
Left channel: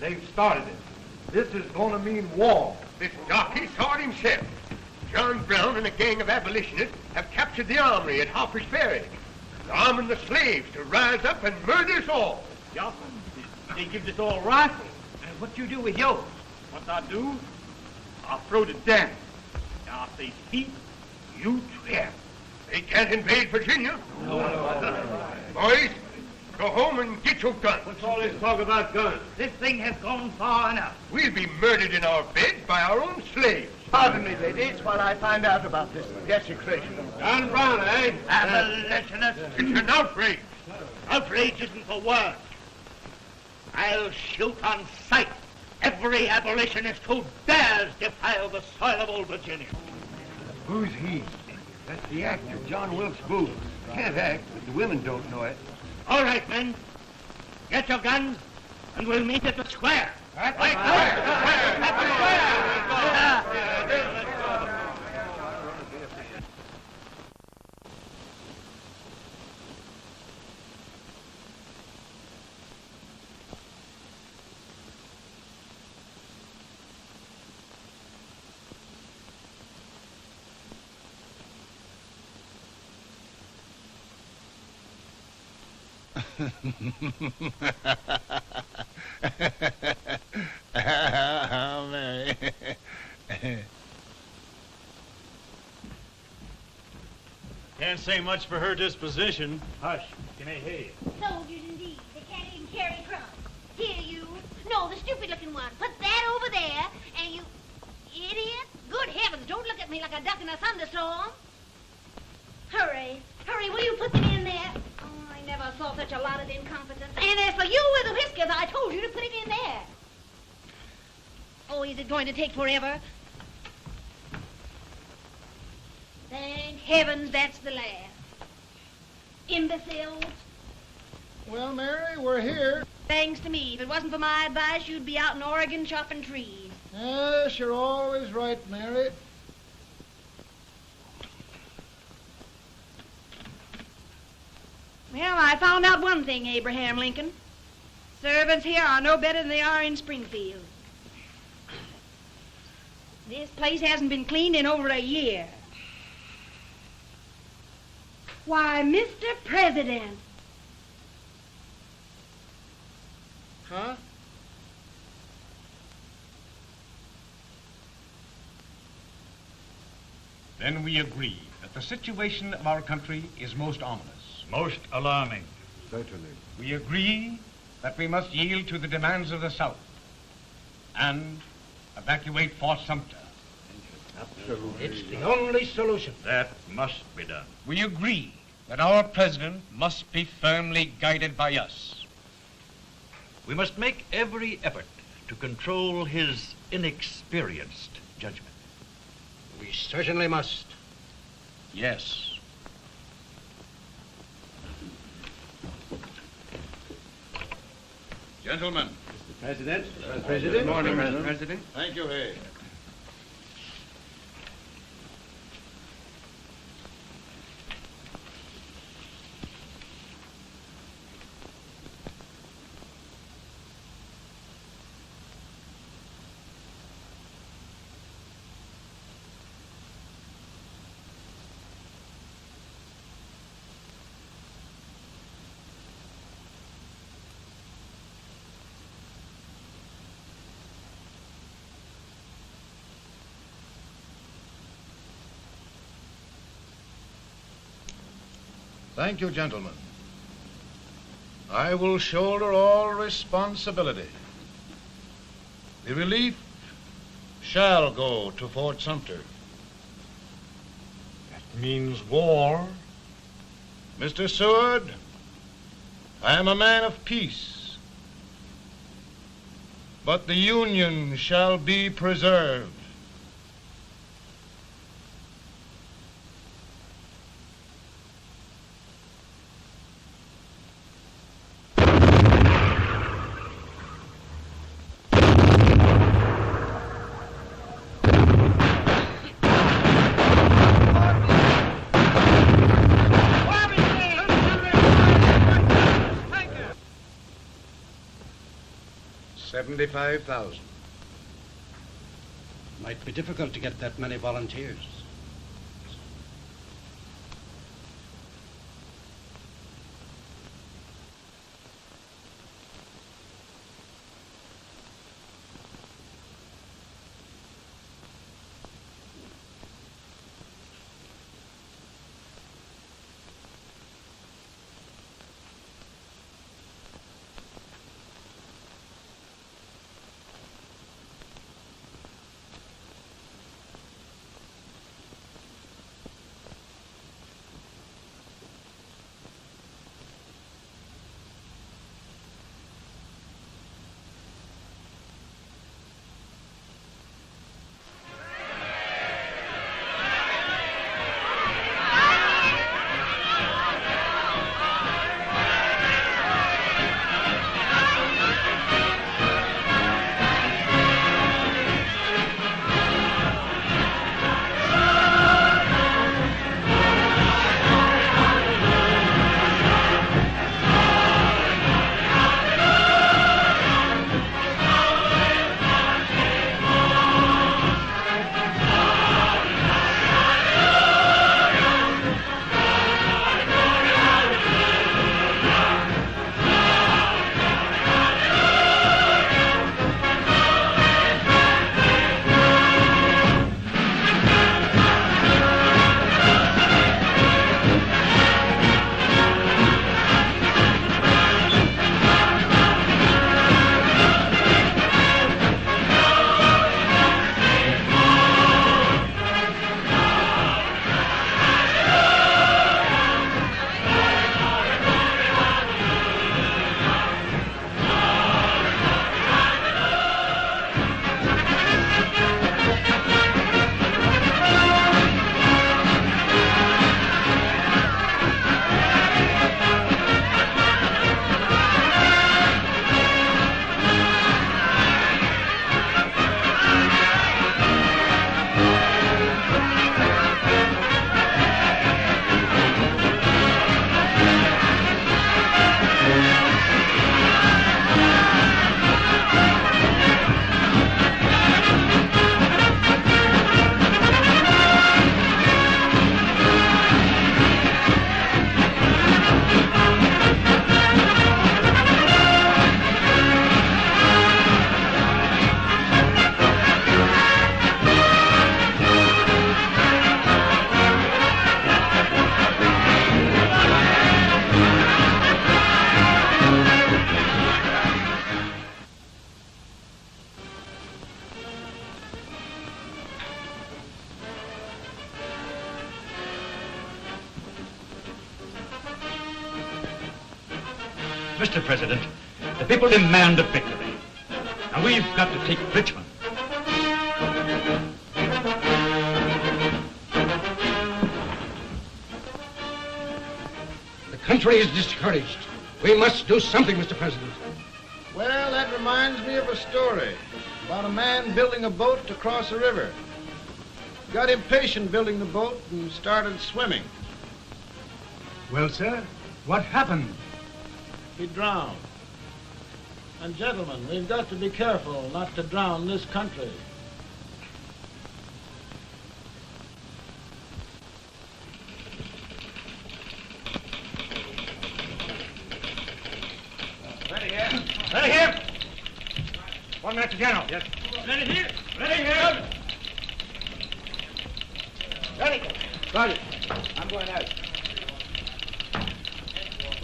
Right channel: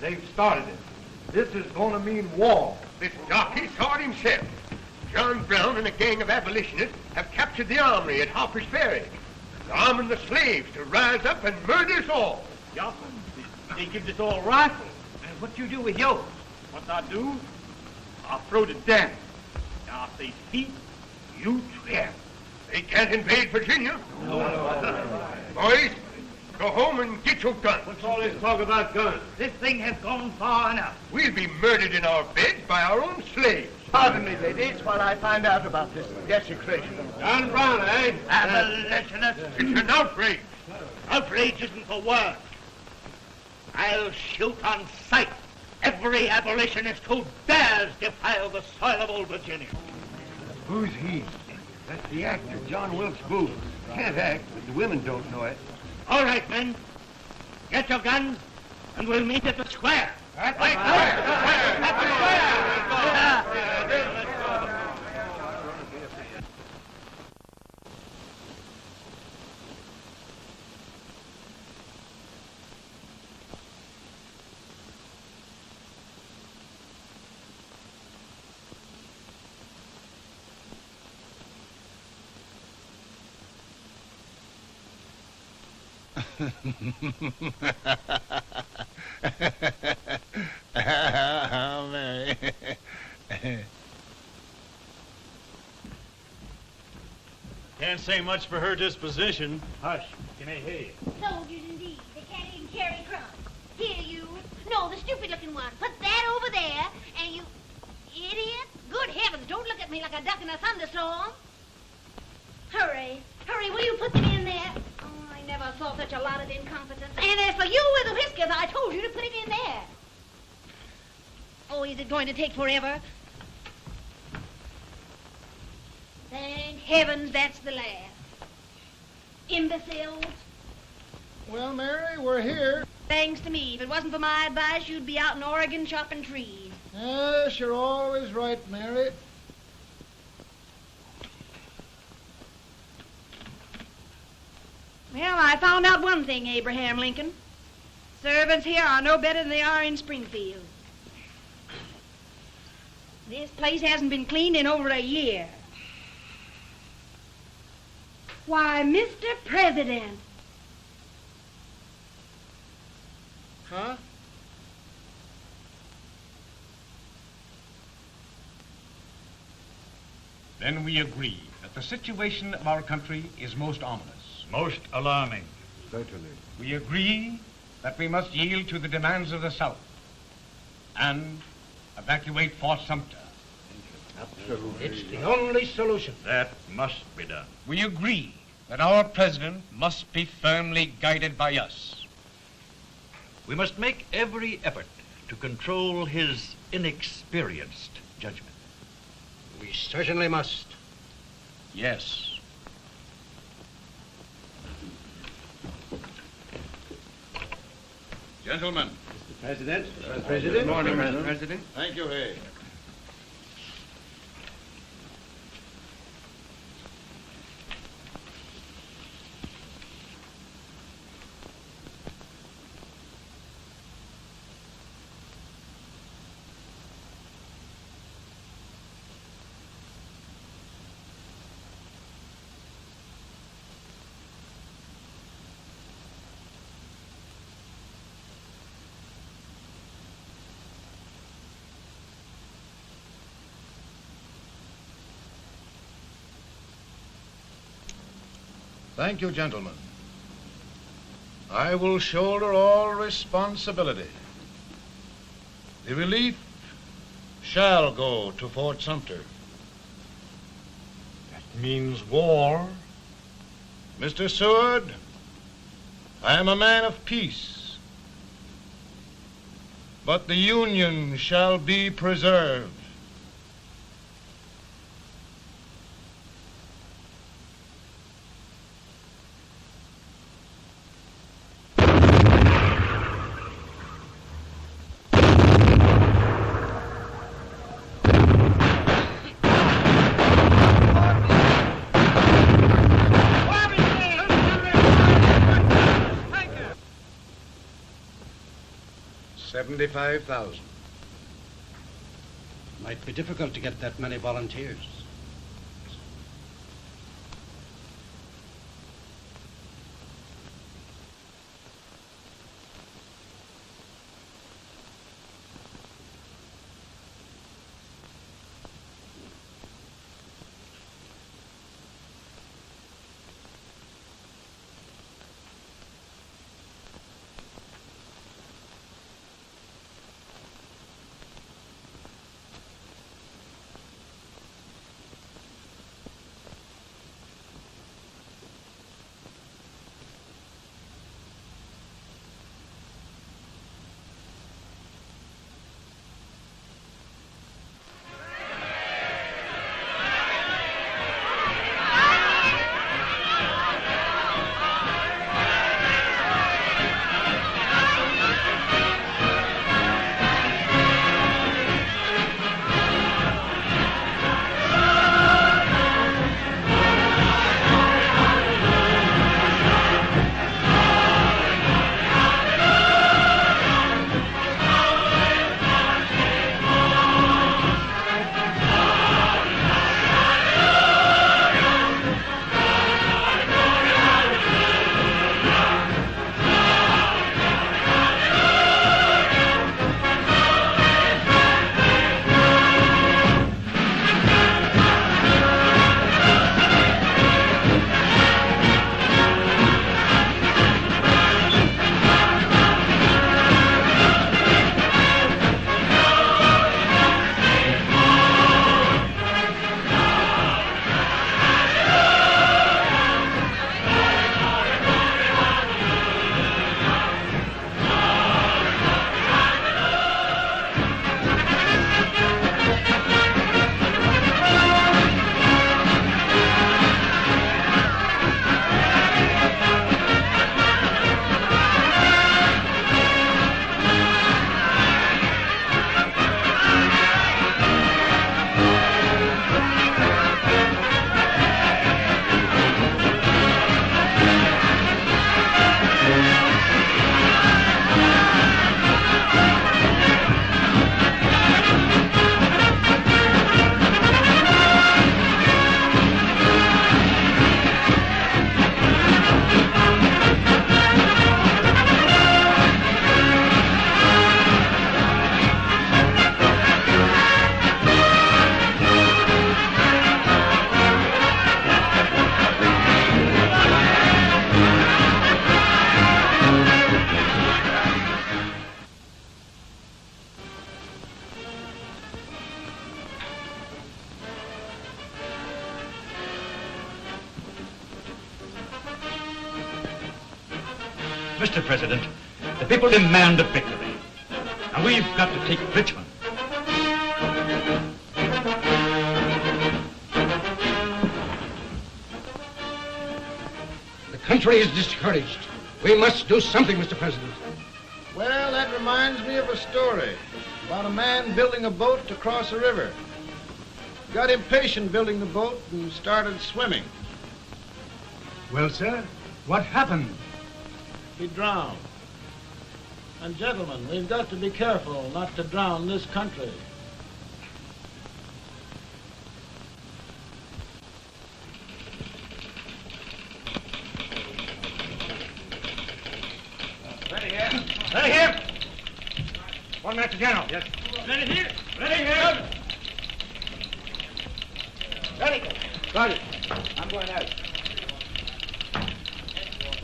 They've started it. This is going to mean war. This jockey saw it himself. John Brown and a gang of abolitionists have captured the armory at Harper's Ferry. They're arming the slaves to rise up and murder us all. Yeah, they give us all rifles. And what you do with yours? What I do, I'll throw to death. Now, if they speak, You swear. They can't invade Virginia. Boys, Go home and get your gun. What's all this talk about guns? This thing has gone far enough. We'll be murdered in our beds by our own slaves. Pardon me, ladies, while I find out about this desecration. John Brown, eh? Abolitionist. It's an outrage. Outrage isn't the word. I'll shoot on sight every abolitionist who dares defile the soil of old Virginia. Who's he? That's the actor, John Wilkes Booth. Can't act, but the women don't know it. All right, men. Get your guns, and we'll meet at the square. At the Can't say much for her disposition. Hush, can I hear you? Soldiers indeed. They can't even carry crumbs. Here, you. No, the stupid-looking one. Put that over there, and you... Idiot. Good heavens, don't look at me like a duck in a thunderstorm. Hurry. Hurry, will you put them in there? Oh, I never saw such a lot of incompetence. And as for you with the whiskers, I told you to put it in there. Oh, is it going to take forever? Thank heavens that's the last. Imbecile. Well, Mary, we're here. Thanks to me. If it wasn't for my advice, you'd be out in Oregon chopping trees. Yes, you're always right, Mary. Well, I found out one thing, Abraham Lincoln. Servants here are no better than they are in Springfield. This place hasn't been cleaned in over a year. Why, Mr. President. Huh? Then we agree that the situation of our country is most ominous. Most alarming. Certainly. We agree that we must yield to the demands of the South and evacuate Fort Sumter. It's the only solution. That must be done. We agree that our president must be firmly guided by us. We must make every effort to control his inexperienced judgment. We certainly must. Yes. Gentlemen. Mr. President. Mr. President. Good morning, Mr. President. Thank you, Hay. Thank you, gentlemen. I will shoulder all responsibility. The relief shall go to Fort Sumter. That means war. Mr. Seward, I am a man of peace, but the Union shall be preserved. $75,000. Might be difficult to get that many volunteers. Mr. President, the people demand a victory. And we've got to take Richmond. The country is discouraged. We must do something, Mr. President. Well, that reminds me of a story about a man building a boat to cross a river. Got impatient building the boat and started swimming. Well, sir, what happened? He drowned. And gentlemen, we've got to be careful not to drown this country. Ready here. Ready here. 1 minute to General. Yes. Ready here. Ready here. Ready. Ready. I'm going out.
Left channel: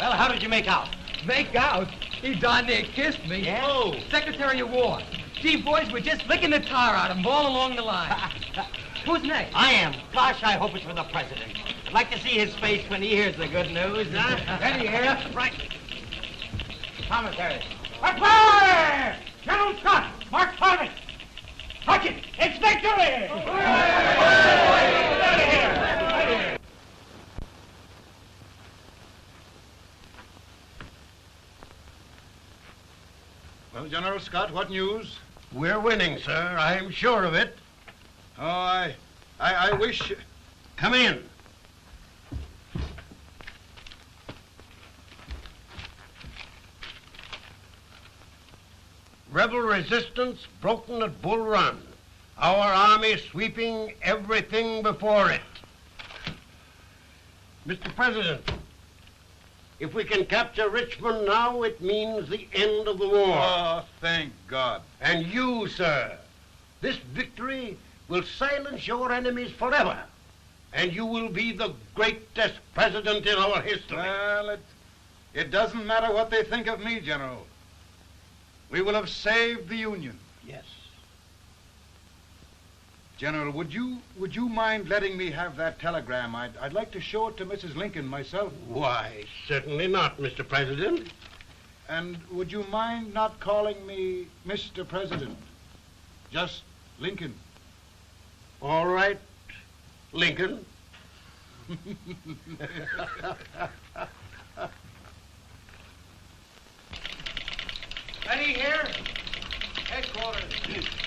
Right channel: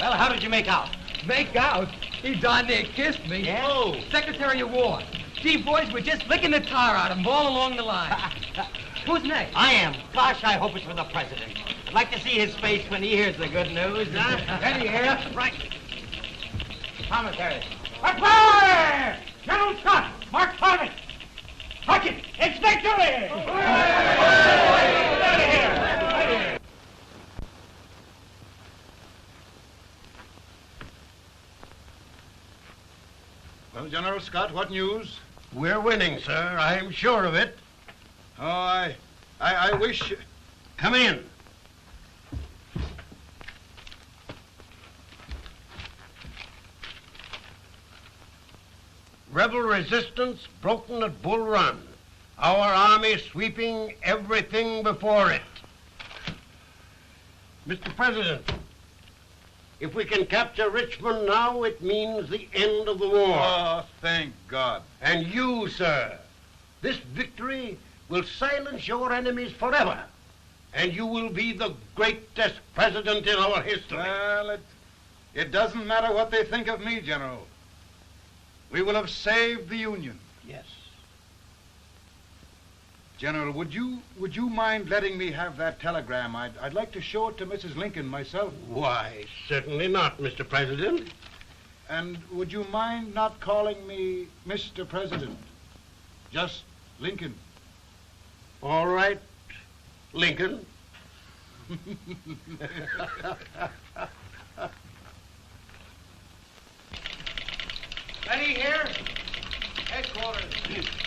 Well, how did you make out? Make out? He darn near kissed me. Yeah? Oh, Secretary of War. Gee, boys, we're just licking the tar out of him all along the line. Who's next? I am. Gosh, I hope it's for the President. I'd like to see his face when he hears the good news. Ready here. Right. Commissary. Fire! General Scott, mark target. Touch it. It's victory! Well, General Scott, what news? We're winning, sir. I'm sure of it. Oh, I wish... Come in. Rebel resistance broken at Bull Run. Our army sweeping everything before it. Mr. President, if we can capture Richmond now, it means the end of the war. Oh, thank God. And you, sir, this victory will silence your enemies forever. And you will be the greatest president in our history. Well, it doesn't matter what they think of me, General. We will have saved the Union. Yes. General, would you mind letting me have that telegram? I'd like to show it to Mrs. Lincoln myself. Why, certainly not, Mr. President. And would you mind not calling me Mr. President? Just Lincoln. All right, Lincoln. Ready here. Headquarters.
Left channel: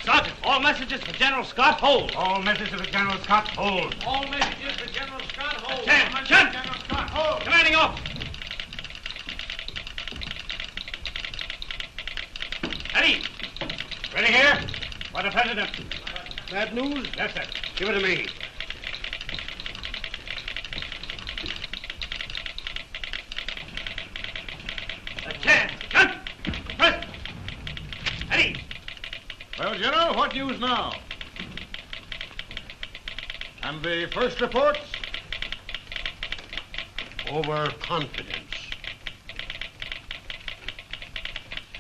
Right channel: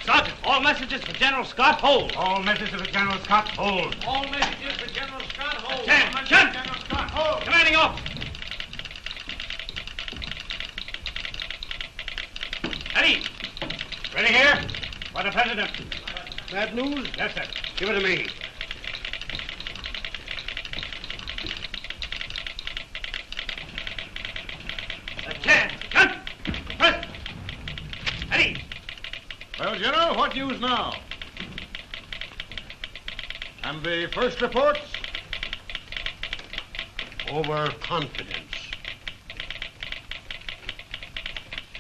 Sergeant, all messages for General Scott, hold. All messages for General Scott, hold. All messages for General Scott, hold. General Scott, hold. Commanding officer. Ready. Ready here. For the President. Bad news? Yes, sir. Give it to me. Well, General, what news now? And the first reports? Overconfidence.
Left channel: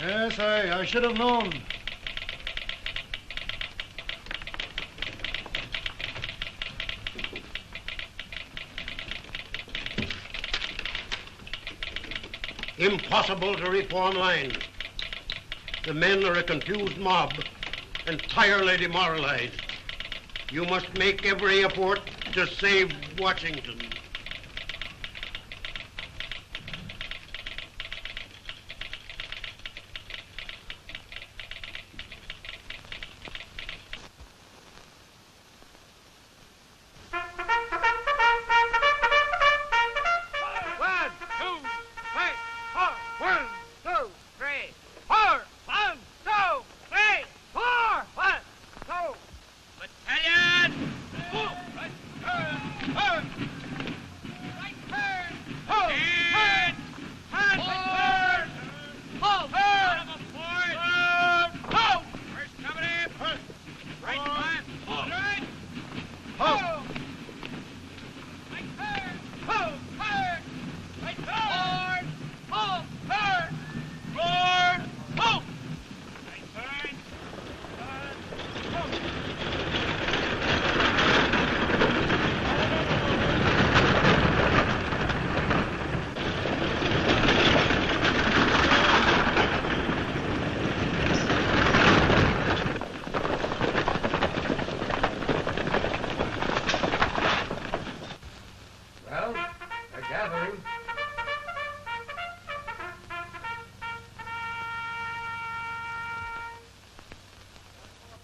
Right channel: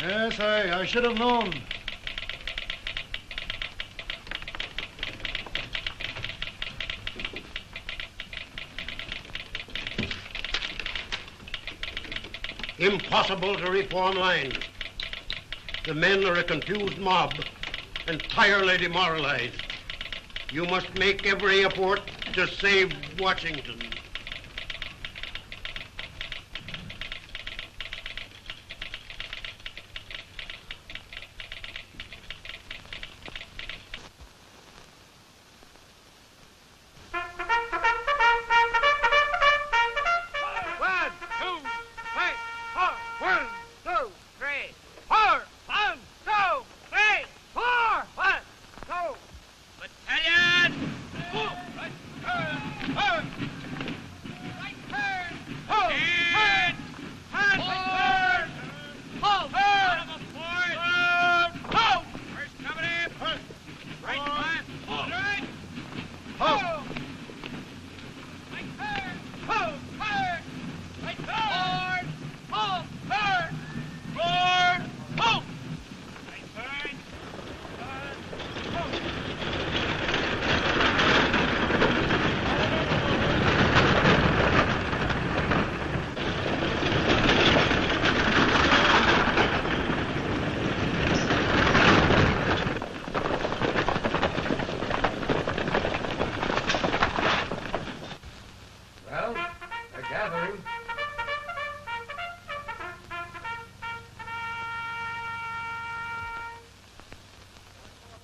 Yes, I should have known. Impossible to reform lines. The men are a confused mob, entirely demoralized. You must make every effort to save Washington.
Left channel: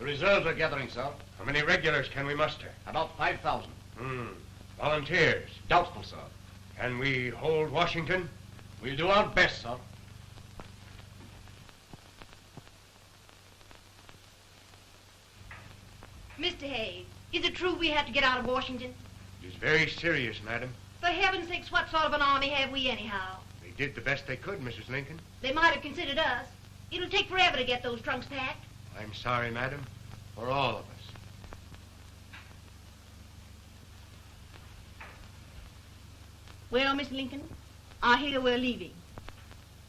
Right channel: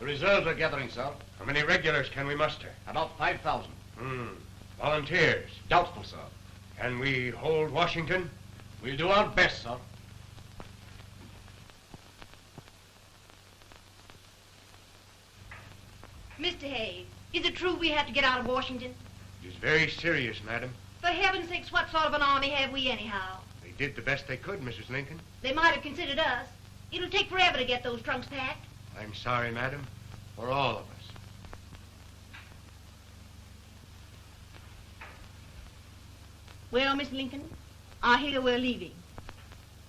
Reserves are gathering, sir. How many regulars can we muster? About 5,000. Volunteers? Doubtful, sir. Can we hold Washington? We'll do our best, sir. Mr. Hayes, is it true we have to get out of Washington? It is very serious, madam. For heaven's sakes, what sort of an army have we anyhow? They did the best they could, Mrs. Lincoln. They might have considered us. It'll take forever to get those trunks packed. I'm sorry, madam, for all of us. Well, Miss Lincoln, I hear we're leaving.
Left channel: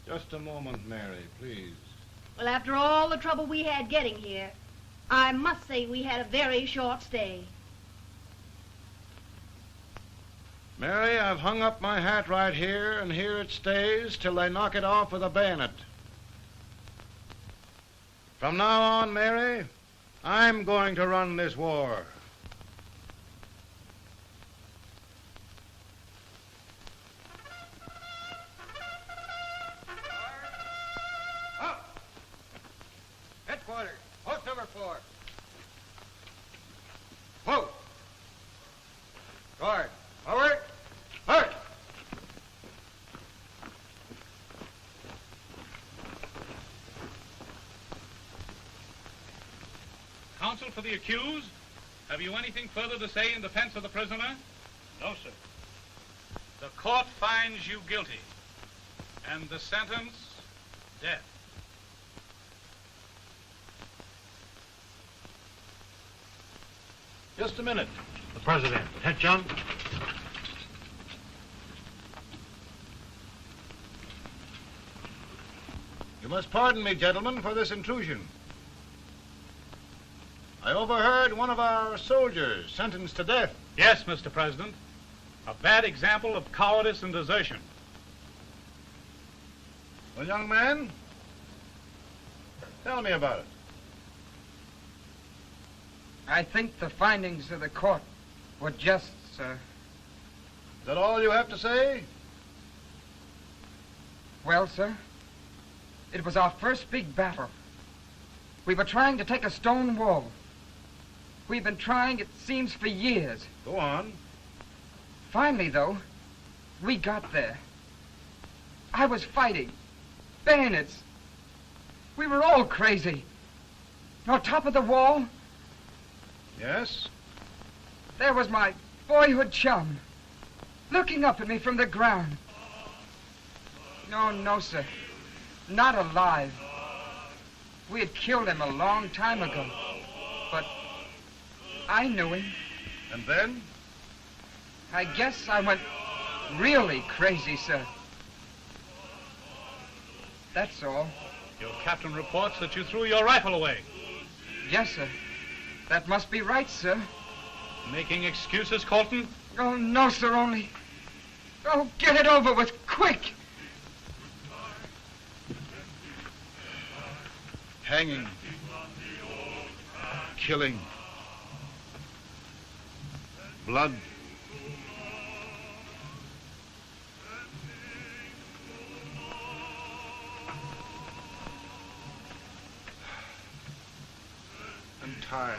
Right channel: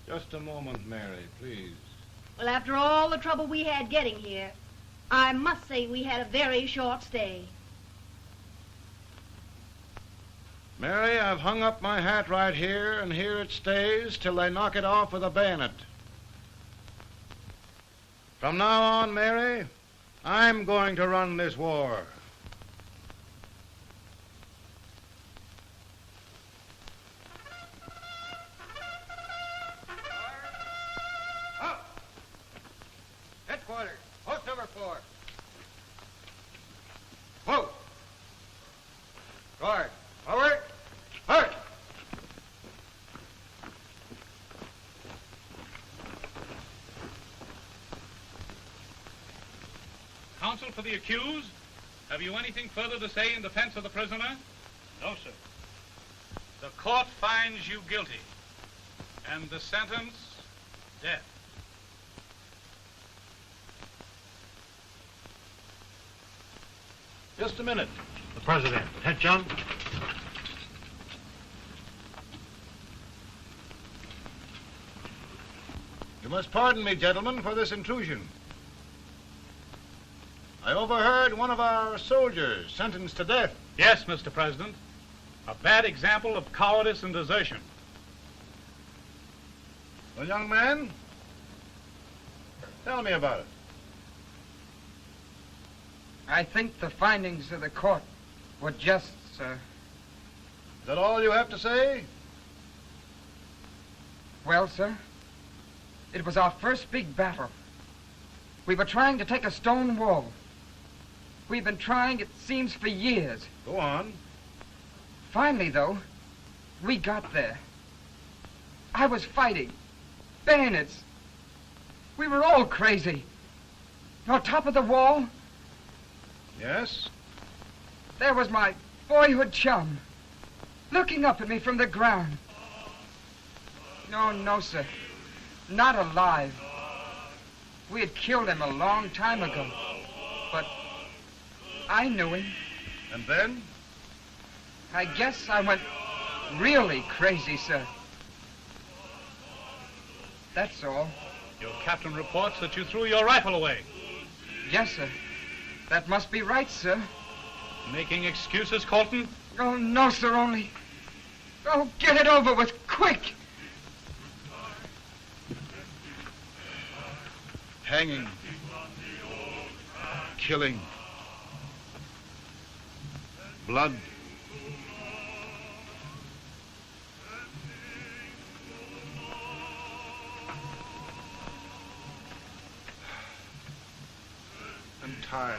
Just a moment, Mary, please. Well, after all the trouble we had getting here, I must say we had a very short stay. Mary, I've hung up my hat right here, and here it stays till they knock it off with a bayonet. From now on, Mary, I'm going to run this war. Headquarters, post number 4. Whoa! Guard, forward, march! Counsel for the accused, have you anything further to say in defense of the prisoner? No, sir. The court finds you guilty, and the sentence, death. Just a minute. The President. Head, John. You must pardon me, gentlemen, for this intrusion. I overheard one of our soldiers sentenced to death. Yes, Mr. President. A bad example of cowardice and desertion. Well, young man, tell me about it. I think the findings of the court were just, sir. Is that all you have to say? Well, sir, it was our first big battle. We were trying to take a stone wall. We've been trying, it seems, for years. Go on. Finally, though, we got there. I was fighting. Bayonets. We were all crazy. On top of the wall, Yes? there was my boyhood chum, looking up at me from the ground. No, sir. Not alive. We had killed him a long time ago. But I knew him. And then? I guess I went really crazy, sir. That's all. Your captain reports that you threw your rifle away. Yes, sir. That must be right, sir. Making excuses, Colton? Oh, no, sir, only... Oh, get it over with, quick! Hanging. Killing. Blood. I'm tired.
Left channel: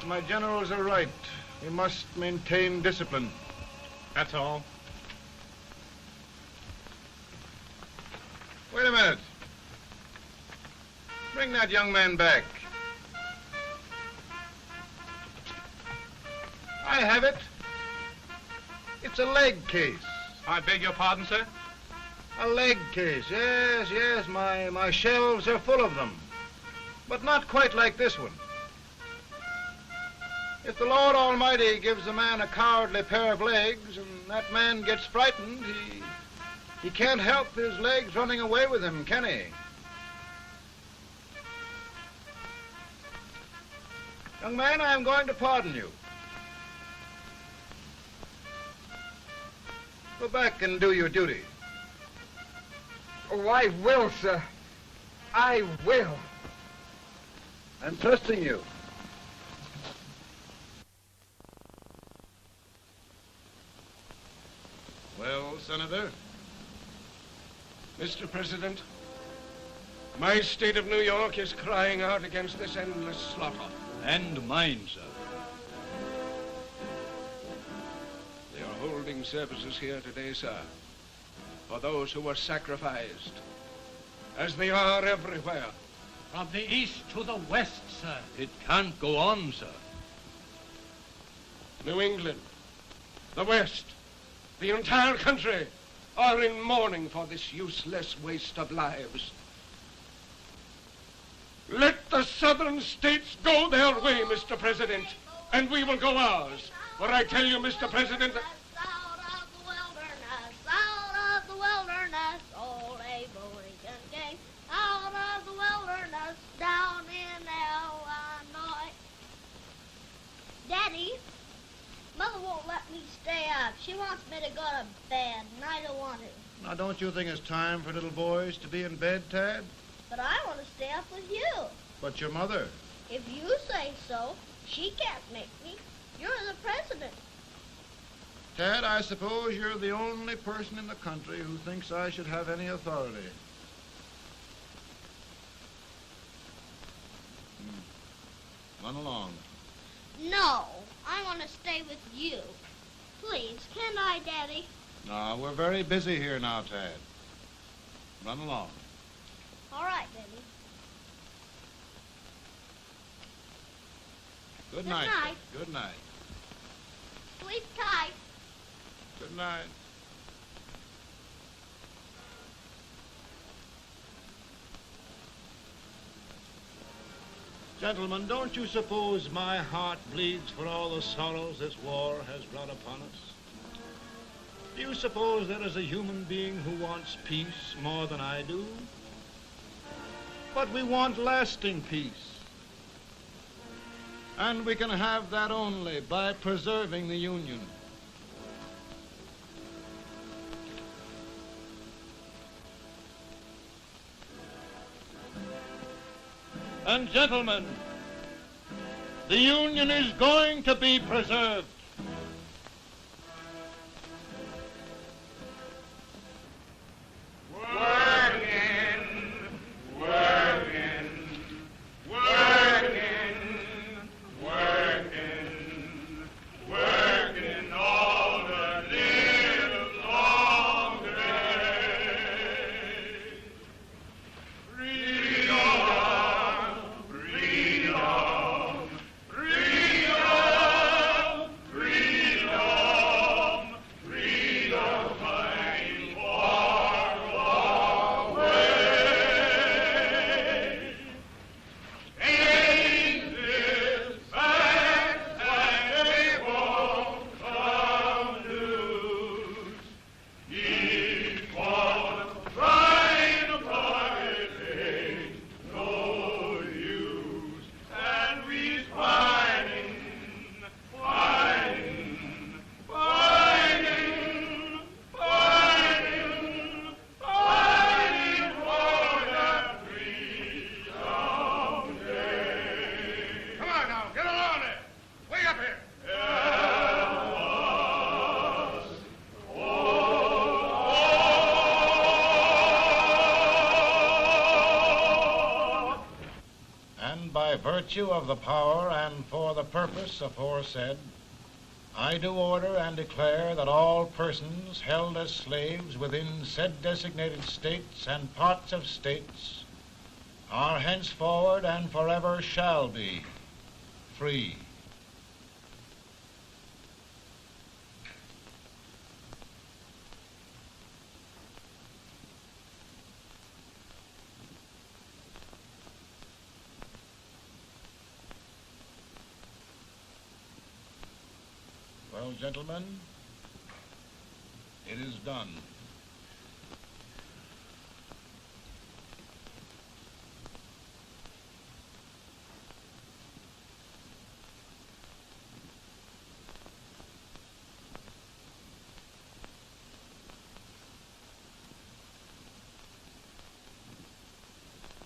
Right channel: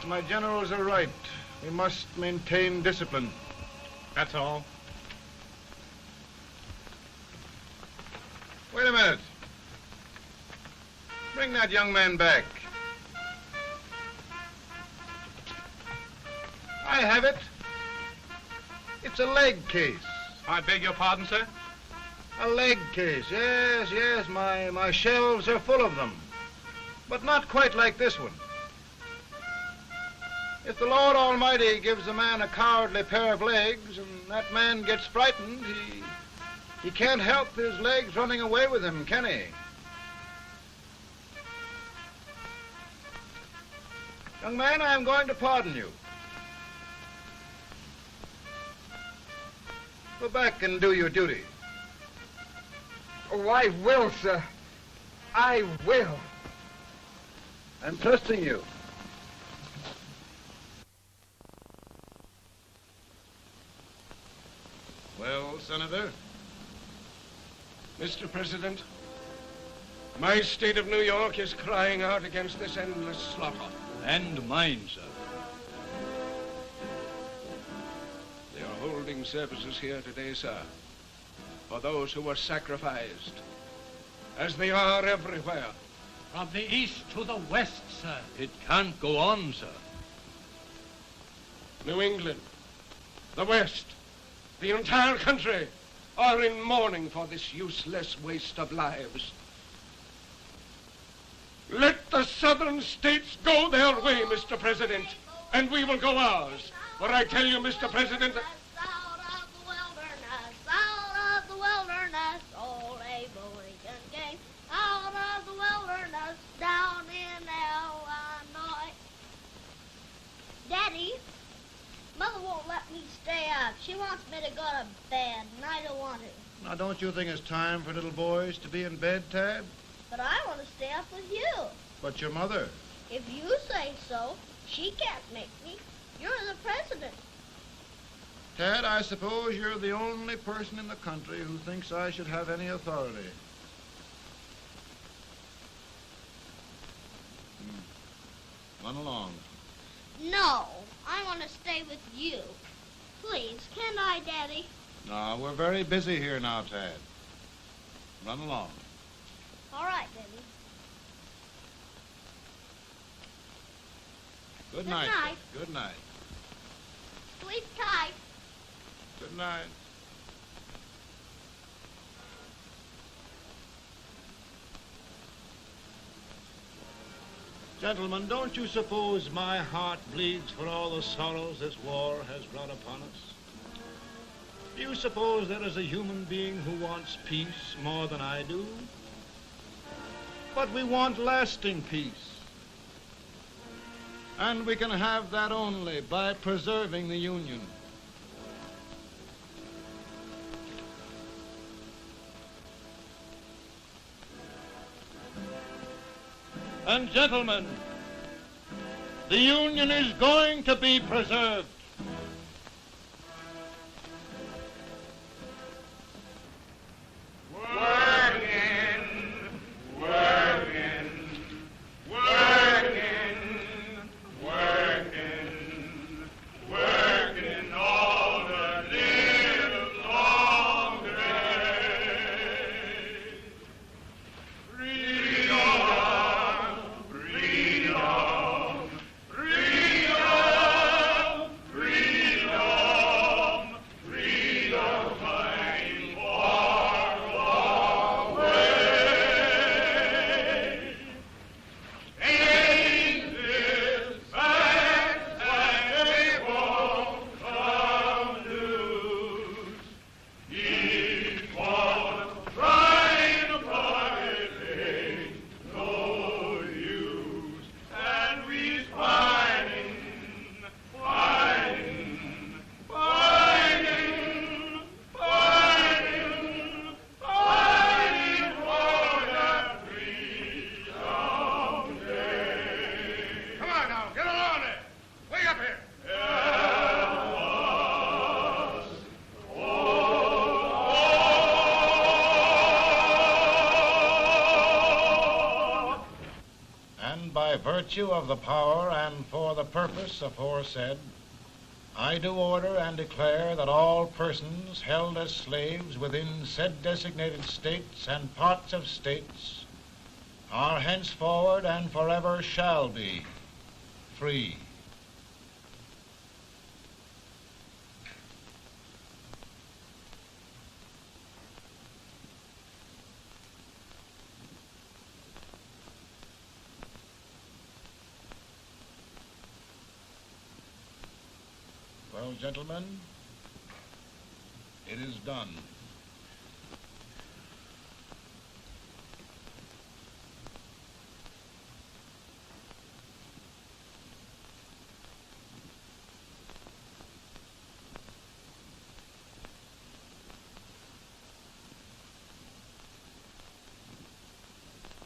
But my generals are right. We must maintain discipline. That's all. Wait a minute. Bring that young man back. I have it. It's a leg case. I beg your pardon, sir? A leg case, yes. My shelves are full of them. But not quite like this one. If the Lord Almighty gives a man a cowardly pair of legs and that man gets frightened, he can't help his legs running away with him, can he? Young man, I am going to pardon you. Go back and do your duty. Oh, I will, sir. I will. I'm trusting you. Well, Senator? Mr. President, My state of New York is crying out against this endless slaughter. And mine, sir. They are holding services here today, sir, for those who were sacrificed, as they are everywhere. From the east to the west, sir. It can't go on, sir. New England, the West, the entire country are in mourning for this useless waste of lives. Let the southern states go their way, Mr. President, and we will go ours. For I tell you, Mr. President, Out of the wilderness, old Abraham Lincoln came. Out of the wilderness, down in Illinois. Daddy, Mother won't let me stay up. She wants me to go to bed, and I don't want to. Now, don't you think it's time for little boys to be in bed, Tad? But I want to stay up with you. But your mother. If you say so, she can't make me. You're the president. Tad, I suppose you're the only person in the country who thinks I should have any authority. Run along. No, I want to stay with you. Please, can I, Daddy? No, we're very busy here now, Tad. Run along. All right, Daddy. Good Good night. night. Good night. Sleep tight. Good night. Gentlemen, don't you suppose my heart bleeds for all the sorrows this war has brought upon us? Do you suppose there is a human being who wants peace more than I do? But we want lasting peace. And we can have that only by preserving the Union. And gentlemen, the Union is going to be preserved. Virtue of the power and for the purpose aforesaid, I do order and declare that all persons held as slaves within said designated states and parts of states are henceforward and forever shall be free. Well, gentlemen, it is done.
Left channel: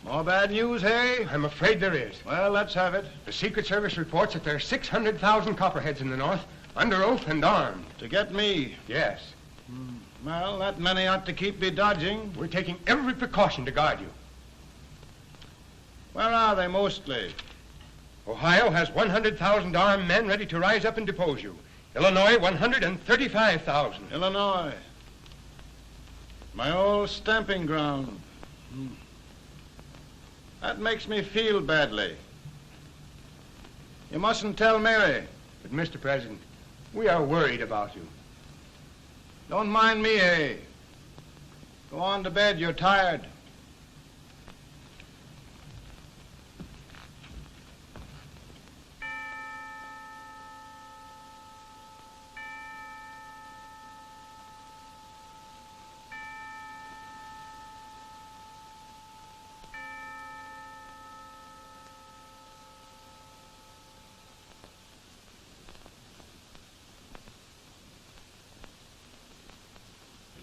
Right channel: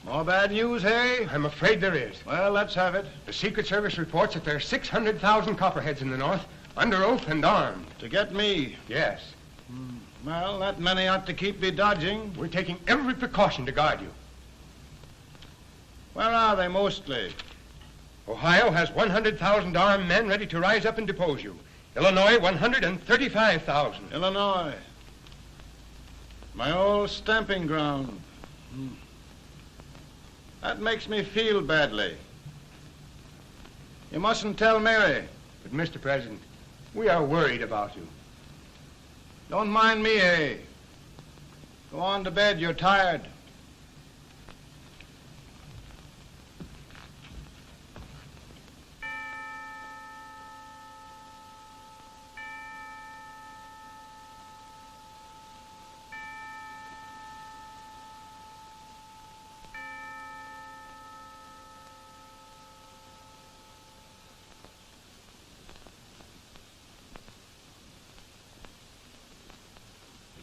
More bad news, hey? I'm afraid there is. Well, let's have it. The Secret Service reports that there are 600,000 copperheads in the North, under oath and armed. To get me? Yes. Well, that many ought to keep me dodging. We're taking every precaution to guard you. Where are they mostly? Ohio has 100,000 armed men ready to rise up and depose you. Illinois, 135,000. Illinois. My old stamping ground. That makes me feel badly. You mustn't tell Mary. But, Mr. President, we are worried about you. Don't mind me, eh? Go on to bed. You're tired.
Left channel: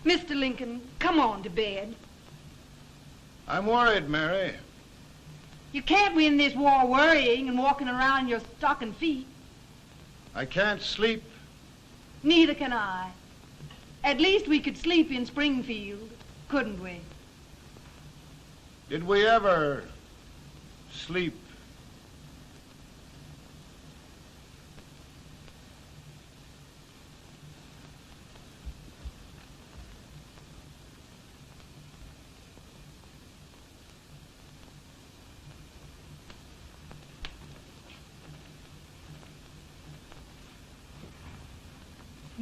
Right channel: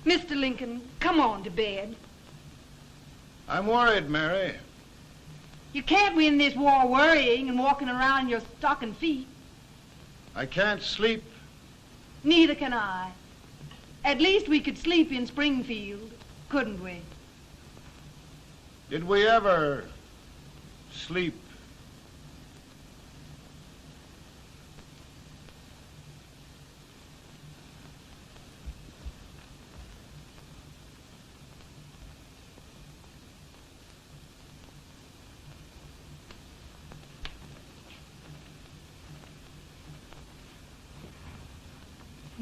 Mr. Lincoln, come on to bed. I'm worried, Mary. You can't win this war worrying and walking around your stocking feet. I can't sleep. Neither can I. At least we could sleep in Springfield, couldn't we? Did we ever sleep?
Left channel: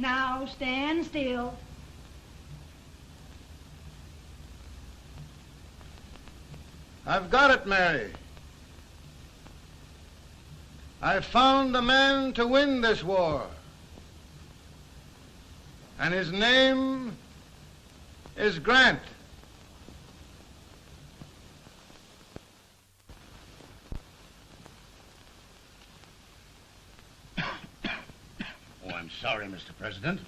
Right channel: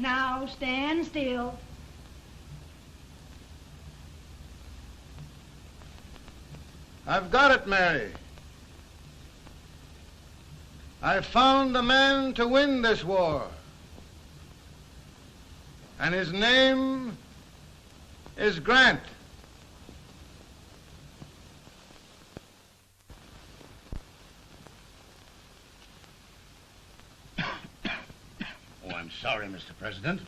Now stand still. I've got it, Mary. I've found the man to win this war. And his name is Grant. Oh, I'm sorry, Mr. President,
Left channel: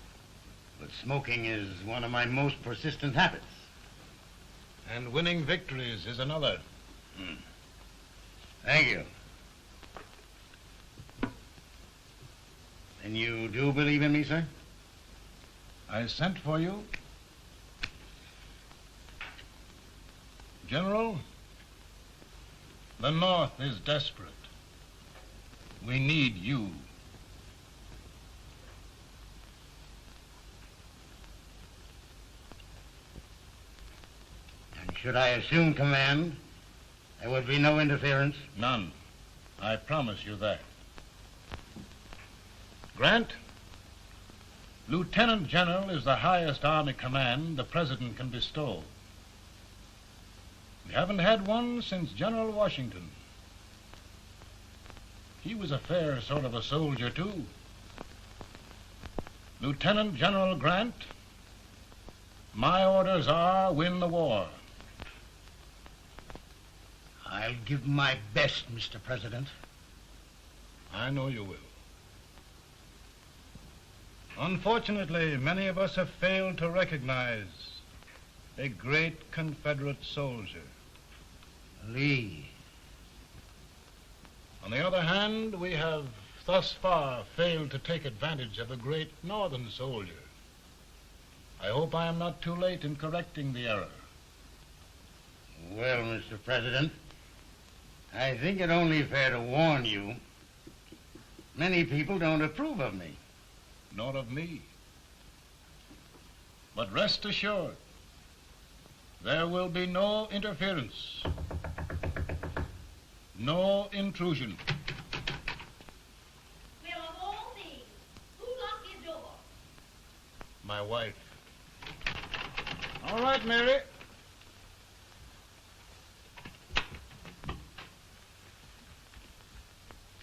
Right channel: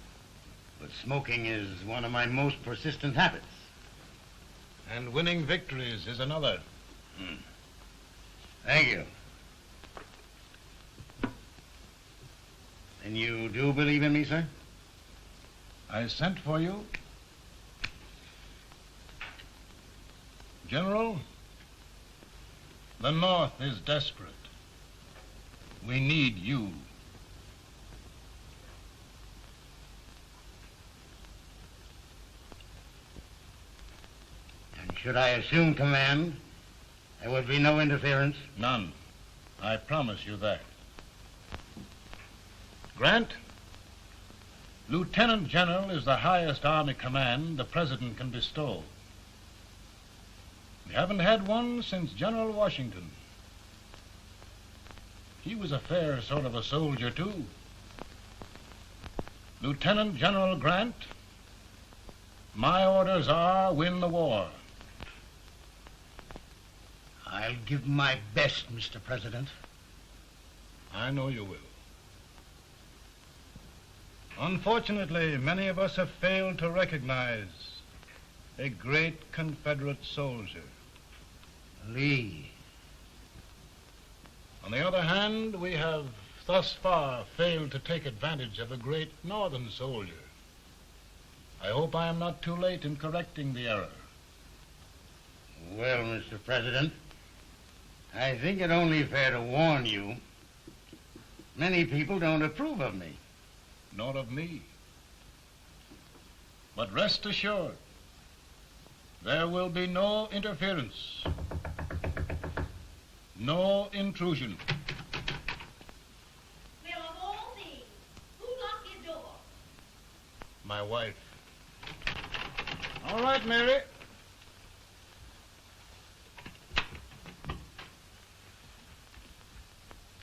but smoking is one of my most persistent habits. And winning victories is another. Thank you. And you do believe in me, sir? I sent for you. General, the North is desperate. We need you. And should I assume command, there would be no interference? None. I promise you that. Grant, Lieutenant General is the highest Army command the President can bestow. We haven't had one since General Washington. He was a fair sort of a soldier, too. Lieutenant General Grant, my orders are win the war. I'll give my best, Mr. President. I know you will. Unfortunately, many of us have failed to recognize a great Confederate soldier. Lee. On the other hand, we have thus far failed to take advantage of a great Northern soldier. I hope I am not too late in correcting the error. Well, Mr. President, I think it only fair to warn you. Many people don't approve of me. Nor of me. But rest assured, there will be no interference, no intrusion. Well, of all things, who locked your door? My wife. All right, Mary.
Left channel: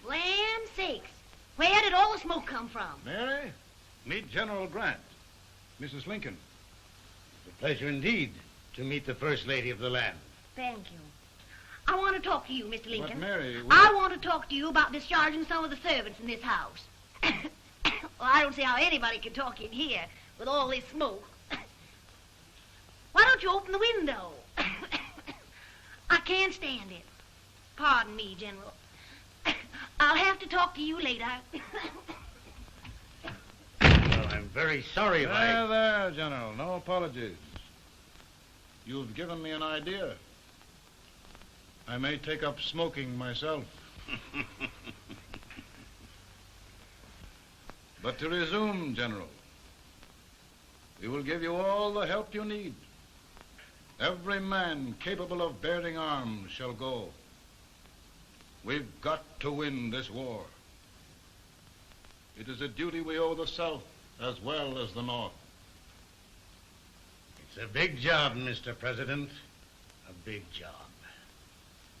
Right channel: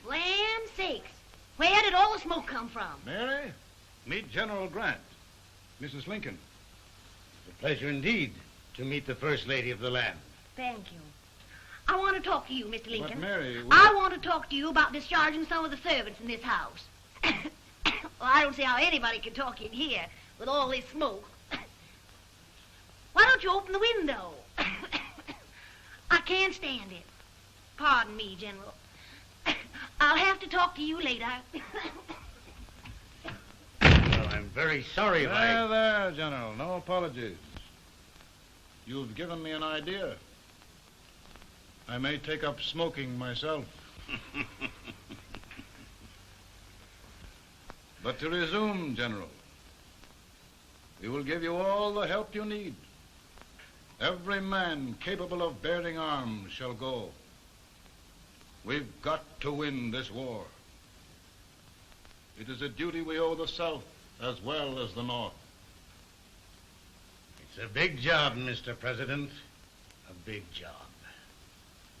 Land sakes, where did all the smoke come from? Mary, meet General Grant. Mrs. Lincoln. It's a pleasure indeed to meet the First Lady of the land. Thank you. I want to talk to you, Mr. Lincoln. But Mary, I want to talk to you about discharging some of the servants in this house. Well, I don't see how anybody can talk in here with all this smoke. Why don't you open the window? I can't stand it. Pardon me, General. I'll have to talk to you later. Well, I'm very sorry if There, there, General. No apologies. You've given me an idea. I may take up smoking myself. But to resume, General, we will give you all the help you need. Every man capable of bearing arms shall go. We've got to win this war. It is a duty we owe the South as well as the North. It's a big job, Mr. President. A big job.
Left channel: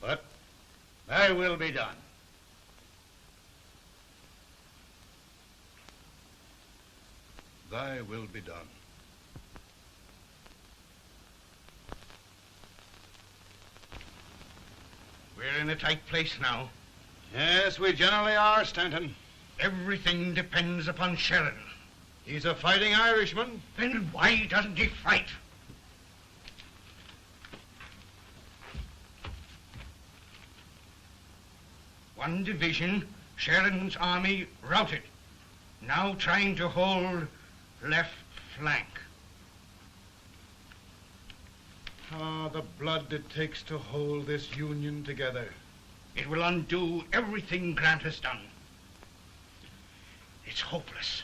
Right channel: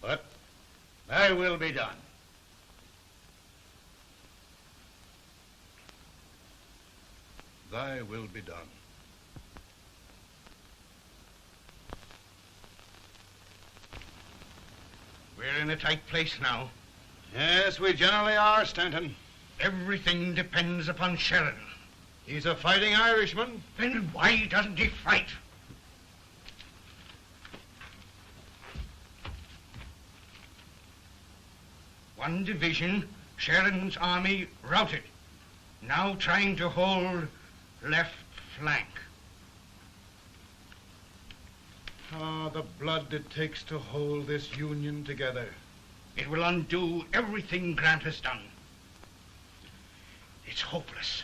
But thy will be done. Thy will be done. We're in a tight place now. Yes, we generally are, Stanton. Everything depends upon Sheridan. He's a fighting Irishman. Then why doesn't he fight? One division, Sheridan's army, routed. Now trying to hold left flank. Ah, the blood it takes to hold this Union together. It will undo everything Grant has done. It's hopeless.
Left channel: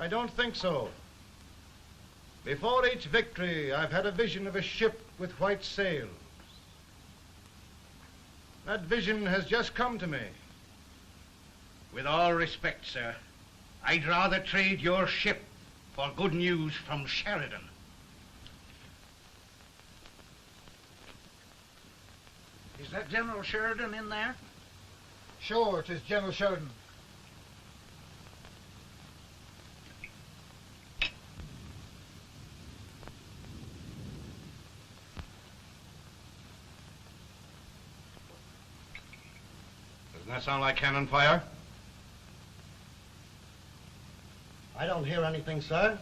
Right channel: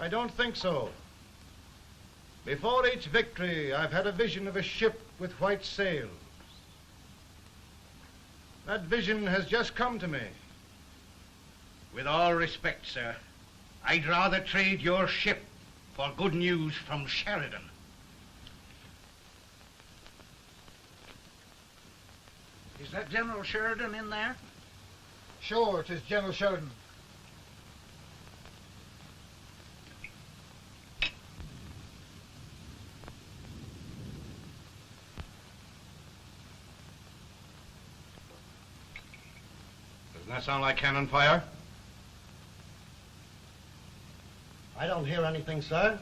I don't think so. Before each victory, I've had a vision of a ship with white sails. That vision has just come to me. With all respect, sir, I'd rather trade your ship for good news from Sheridan. Is that General Sheridan in there? Sure, it is General Sheridan. Doesn't that sound like cannon fire? I don't hear anything, sir.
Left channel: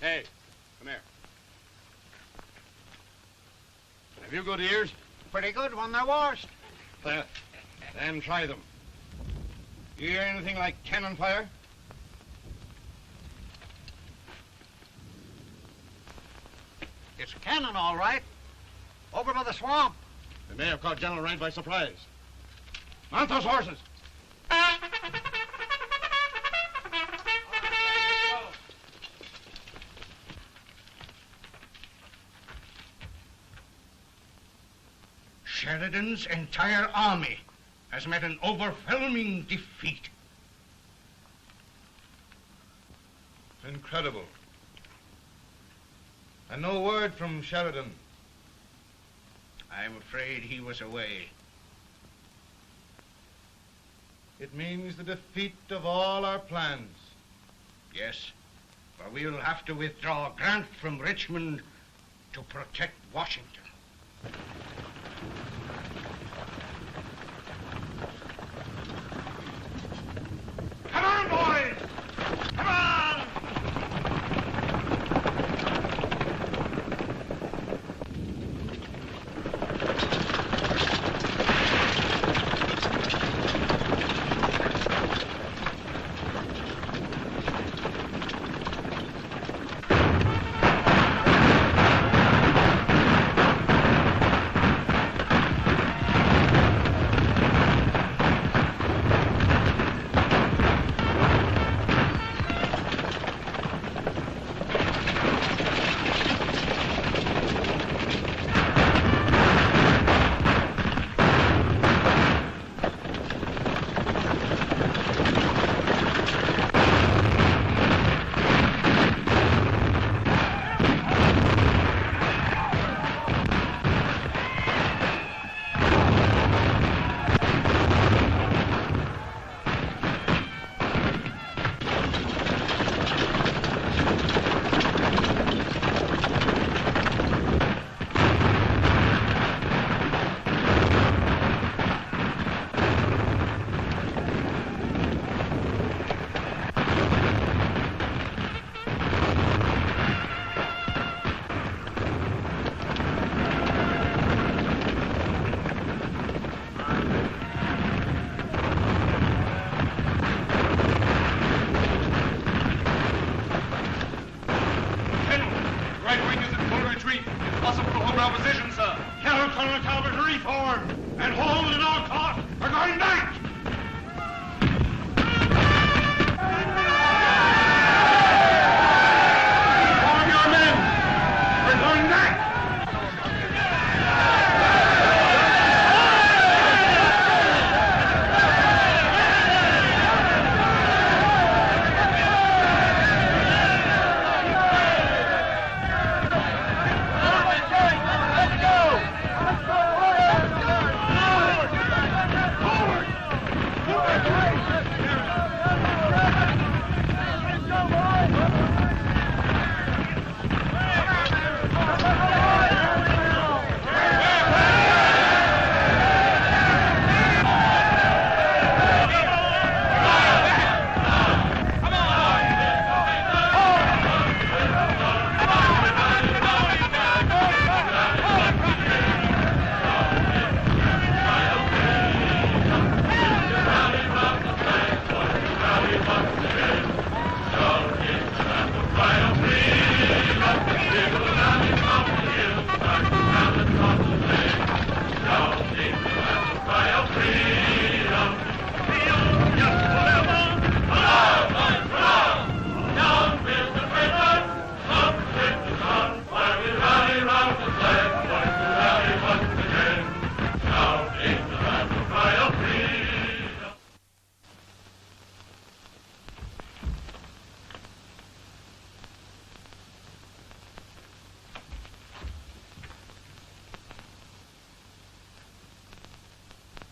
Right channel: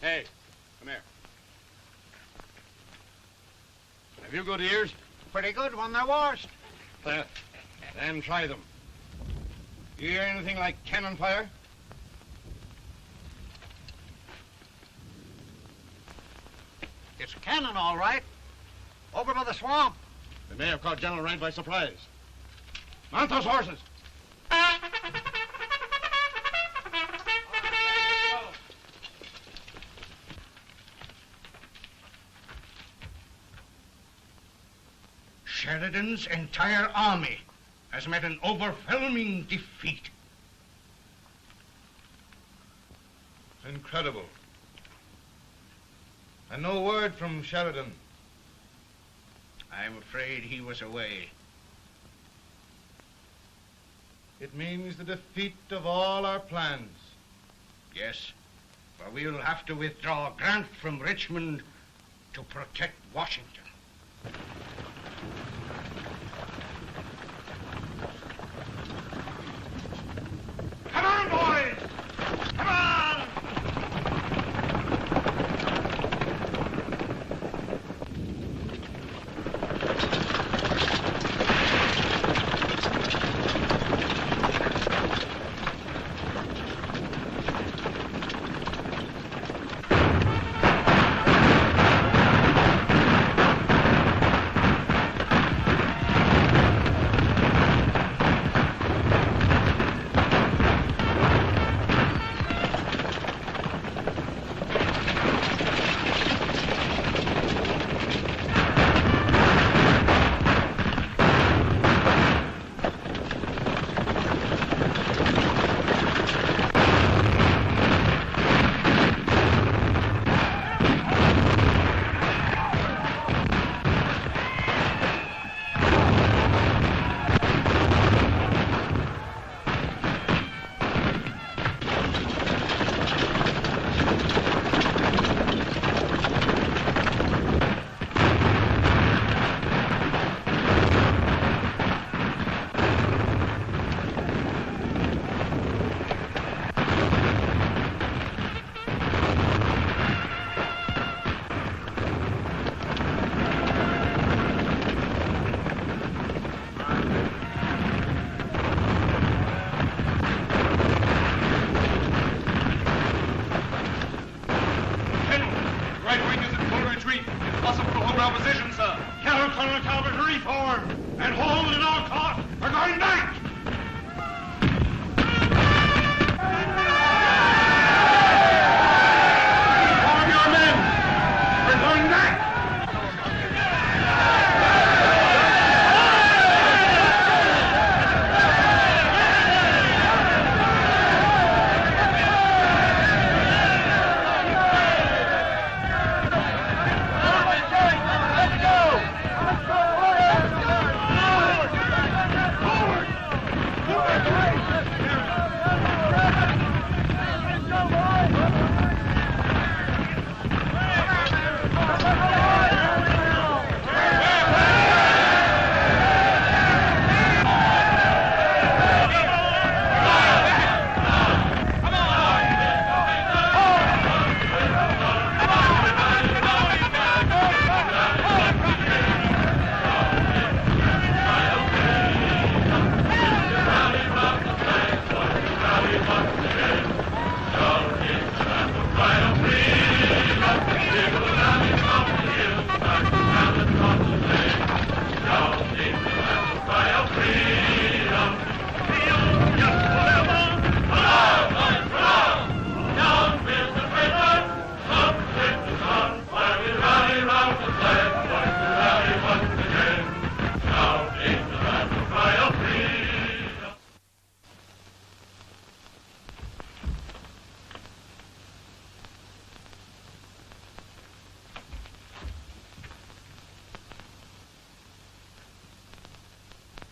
Hey, come here. Have you good ears? Pretty good when they're washed. Then try them. You hear anything like cannon fire? It's cannon, all right. Over by the swamp. They may have caught General Raid by surprise. Mount those horses! Sheridan's entire army has met an overwhelming defeat. It's incredible. And no word from Sheridan. I'm afraid he was away. It means the defeat of all our plans. Yes, for we'll have to withdraw Grant from Richmond to protect Washington. Come on, boys! Come on!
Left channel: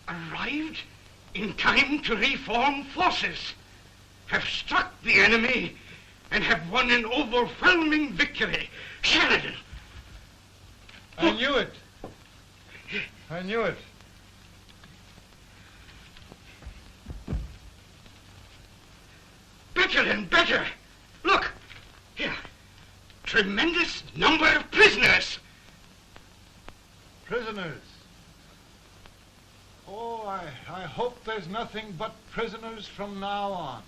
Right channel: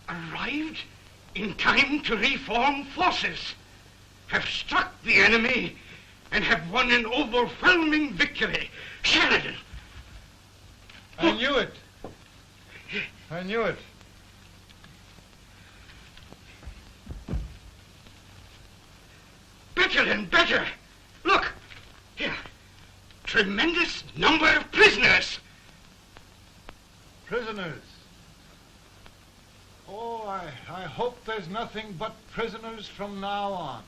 Arrived in time to reform forces, have struck the enemy, and have won an overwhelming victory. Sheridan! I knew it. I knew it. Better and better. Look, here. Tremendous number of prisoners. Prisoners. Oh, I hope there's nothing but prisoners from now on.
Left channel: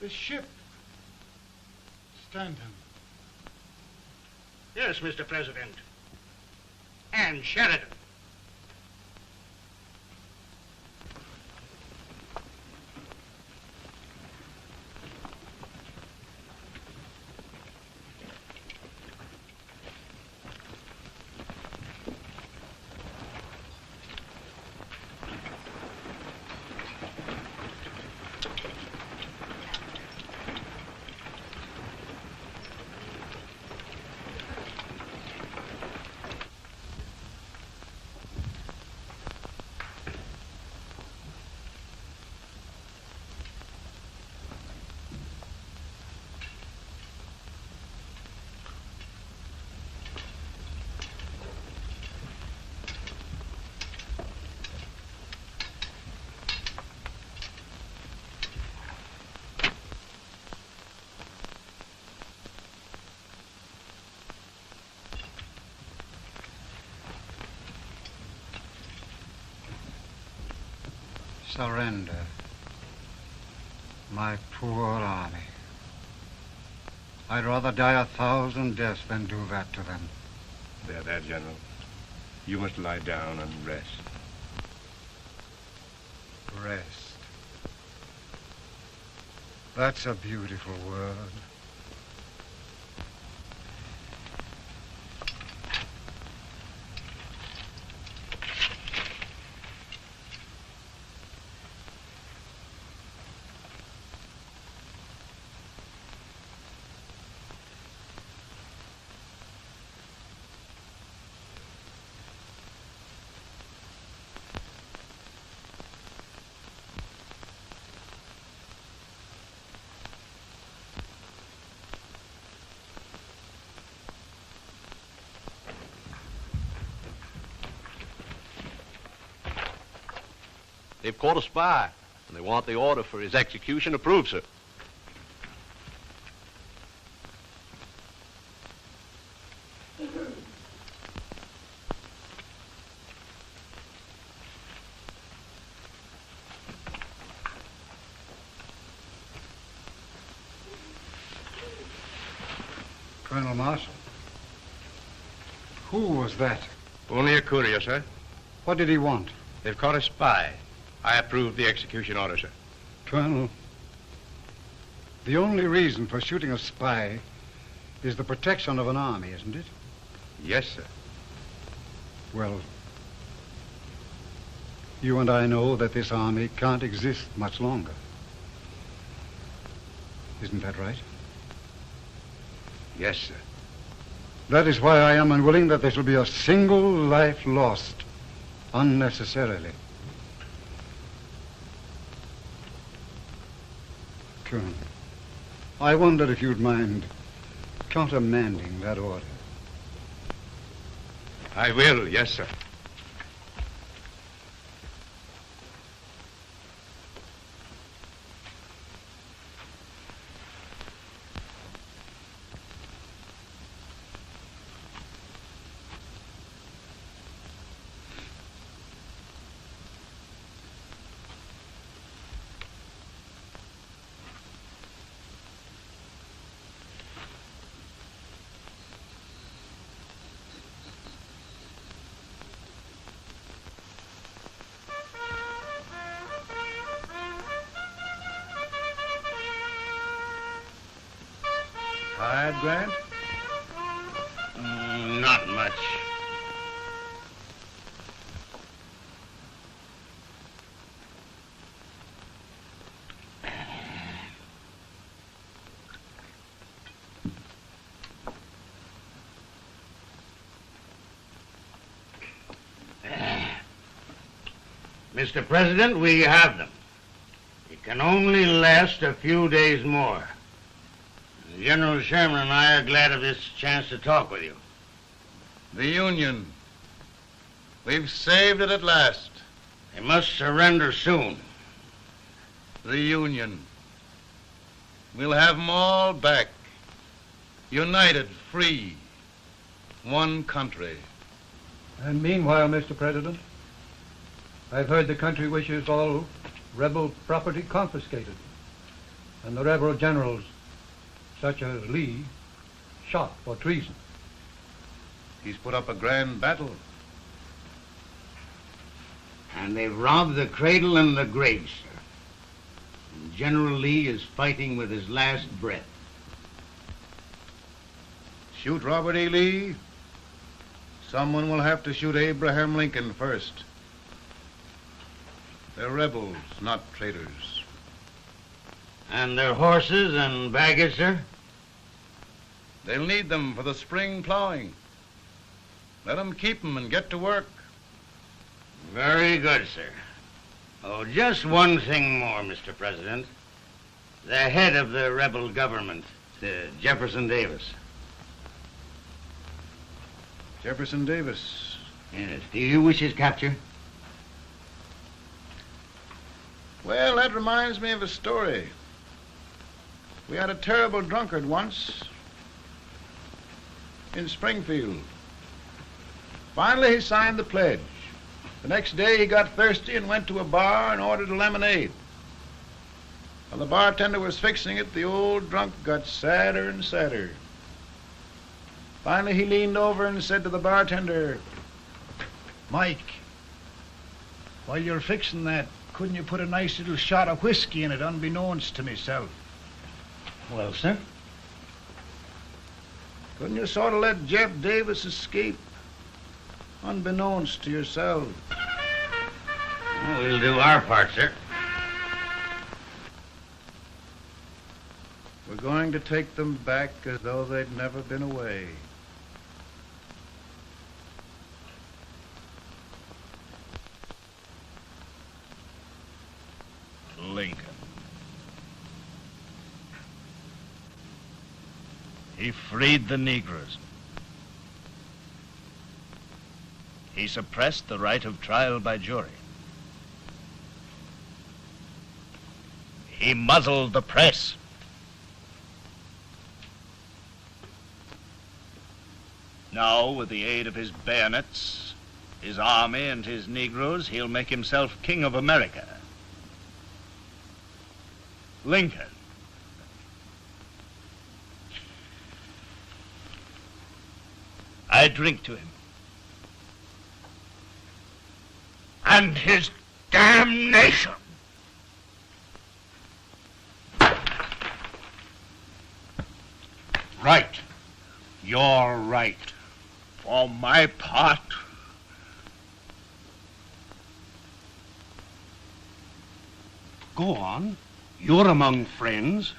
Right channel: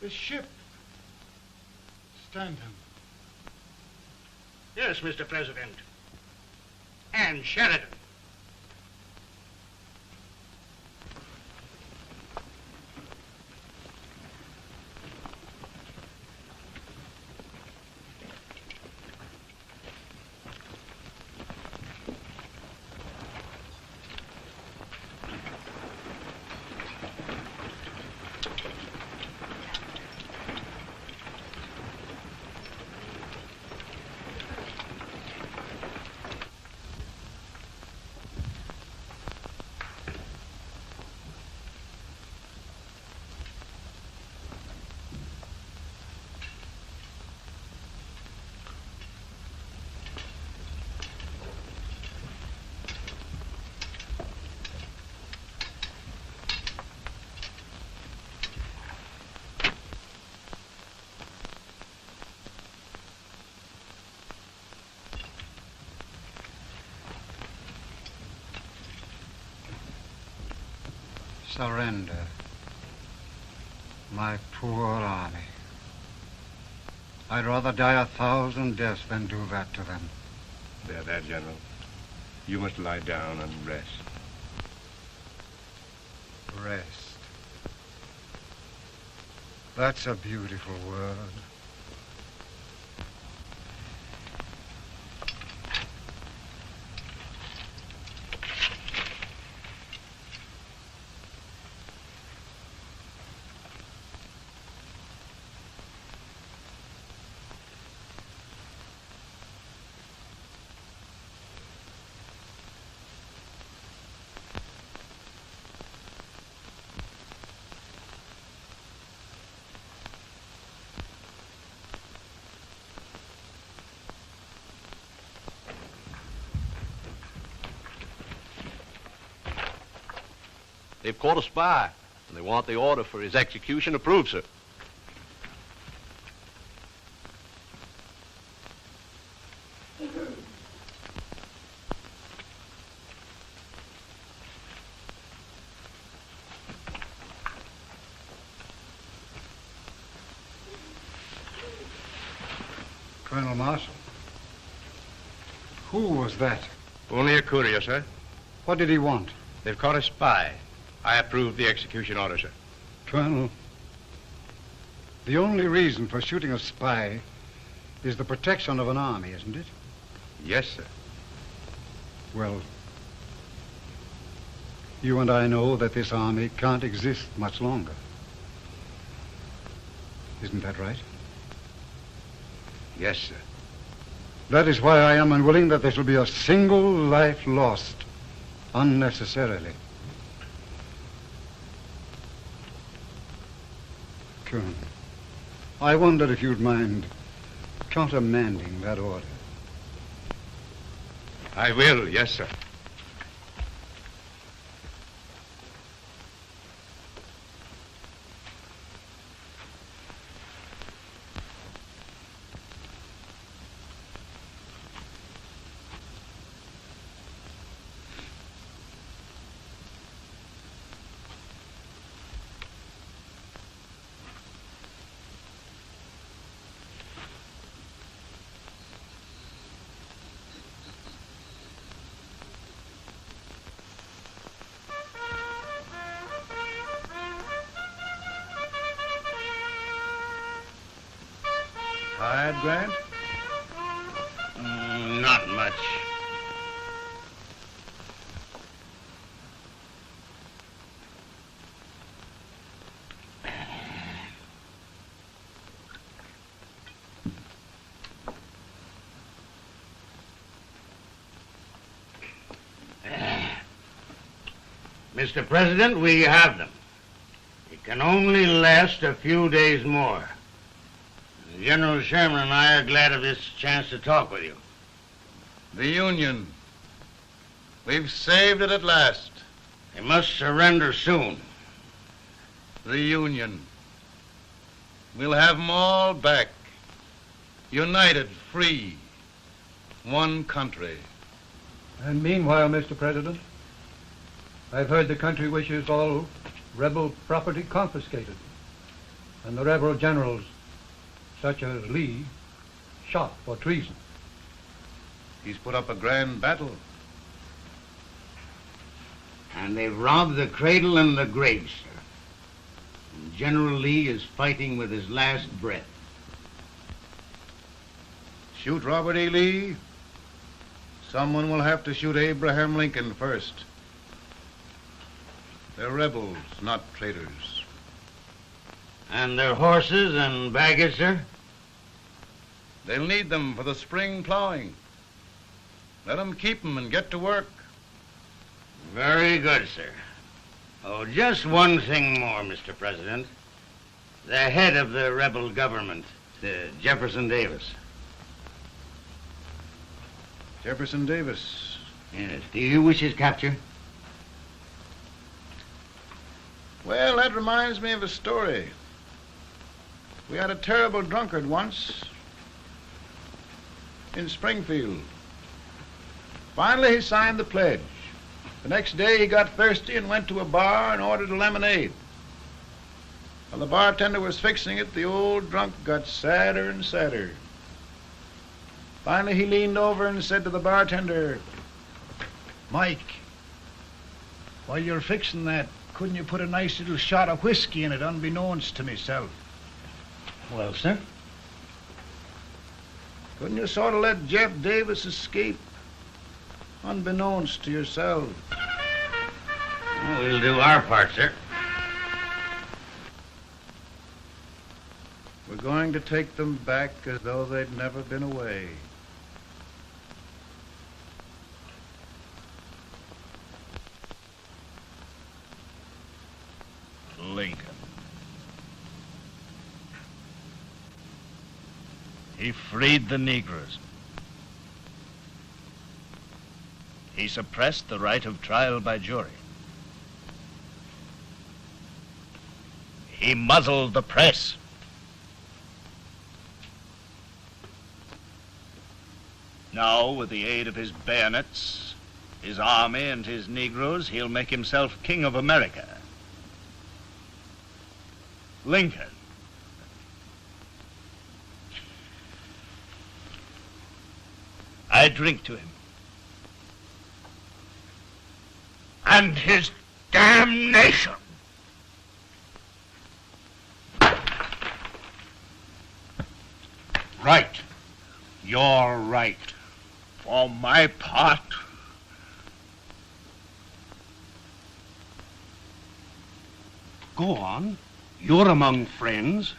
The ship. Stanton. Yes, Mr. President. And Sheridan. Surrender. My poor army. I'd rather die 1,000 deaths than do that to them. There, General. You must lie down and rest. Rest. That's a beautiful word. They've caught a spy, and they want the order for his execution approved, sir. Colonel Marshall. Who was that? Only a courier, sir. What did he want? They've caught a spy. I approve the execution order, sir. Colonel, the only reason for shooting a spy is the protection of an army, isn't it? Yes, sir. Well, you and I know that this army can't exist much longer. Isn't that right? Yes, sir. That is why I am unwilling that there shall be a single life lost unnecessarily. soon. I wondered if you'd mind countermanding that order. I will, yes, sir. Tired, Grant? Not much. Mr. President, we have them. It can only last a few days more. General Sherman and I are glad of this chance to talk with you. The Union. We've saved it at last. They must surrender soon. The Union. We'll have them all back. United, free. One country. And meanwhile, Mr. President, I've heard the country wishes all rebel property confiscated, and the rebel generals, such as Lee, shot for treason. He's put up a grand battle. And they've robbed the cradle and the grave, sir. And General Lee is fighting with his last breath. Shoot Robert E. Lee? Someone will have to shoot Abraham Lincoln first. They're rebels, not traitors. And their horses and baggage, sir? They'll need them for the spring plowing. Let them keep them and get to work. Very good, sir. Oh, just one thing more, Mr. President. The head of the rebel government, Jefferson Davis. Jefferson Davis? Yes. Do you wish his capture? Well, that reminds me of a story. We had a terrible drunkard once in Springfield. Finally, he signed the pledge. The next day, he got thirsty and went to a bar and ordered a lemonade. While the bartender was fixing it, the old drunk got sadder and sadder. Finally, he leaned over and said to the bartender, "Mike, while you're fixing that, couldn't you put a nice little shot of whiskey in it, unbeknownst to myself?" Well, sir? Couldn't you sort of let Jeff Davis escape, unbeknownst to yourself? Well, we'll do our part, sir. We're going to take them back as though they'd never been away. Lincoln. He freed the Negroes. He suppressed the right of trial by jury. He muzzled the press. Now, with the aid of his bayonets, his army, and his Negroes, he'll make himself king of America. Lincoln. I drink to him. And his damnation. Right. You're right. For my part, Go on. You're among friends.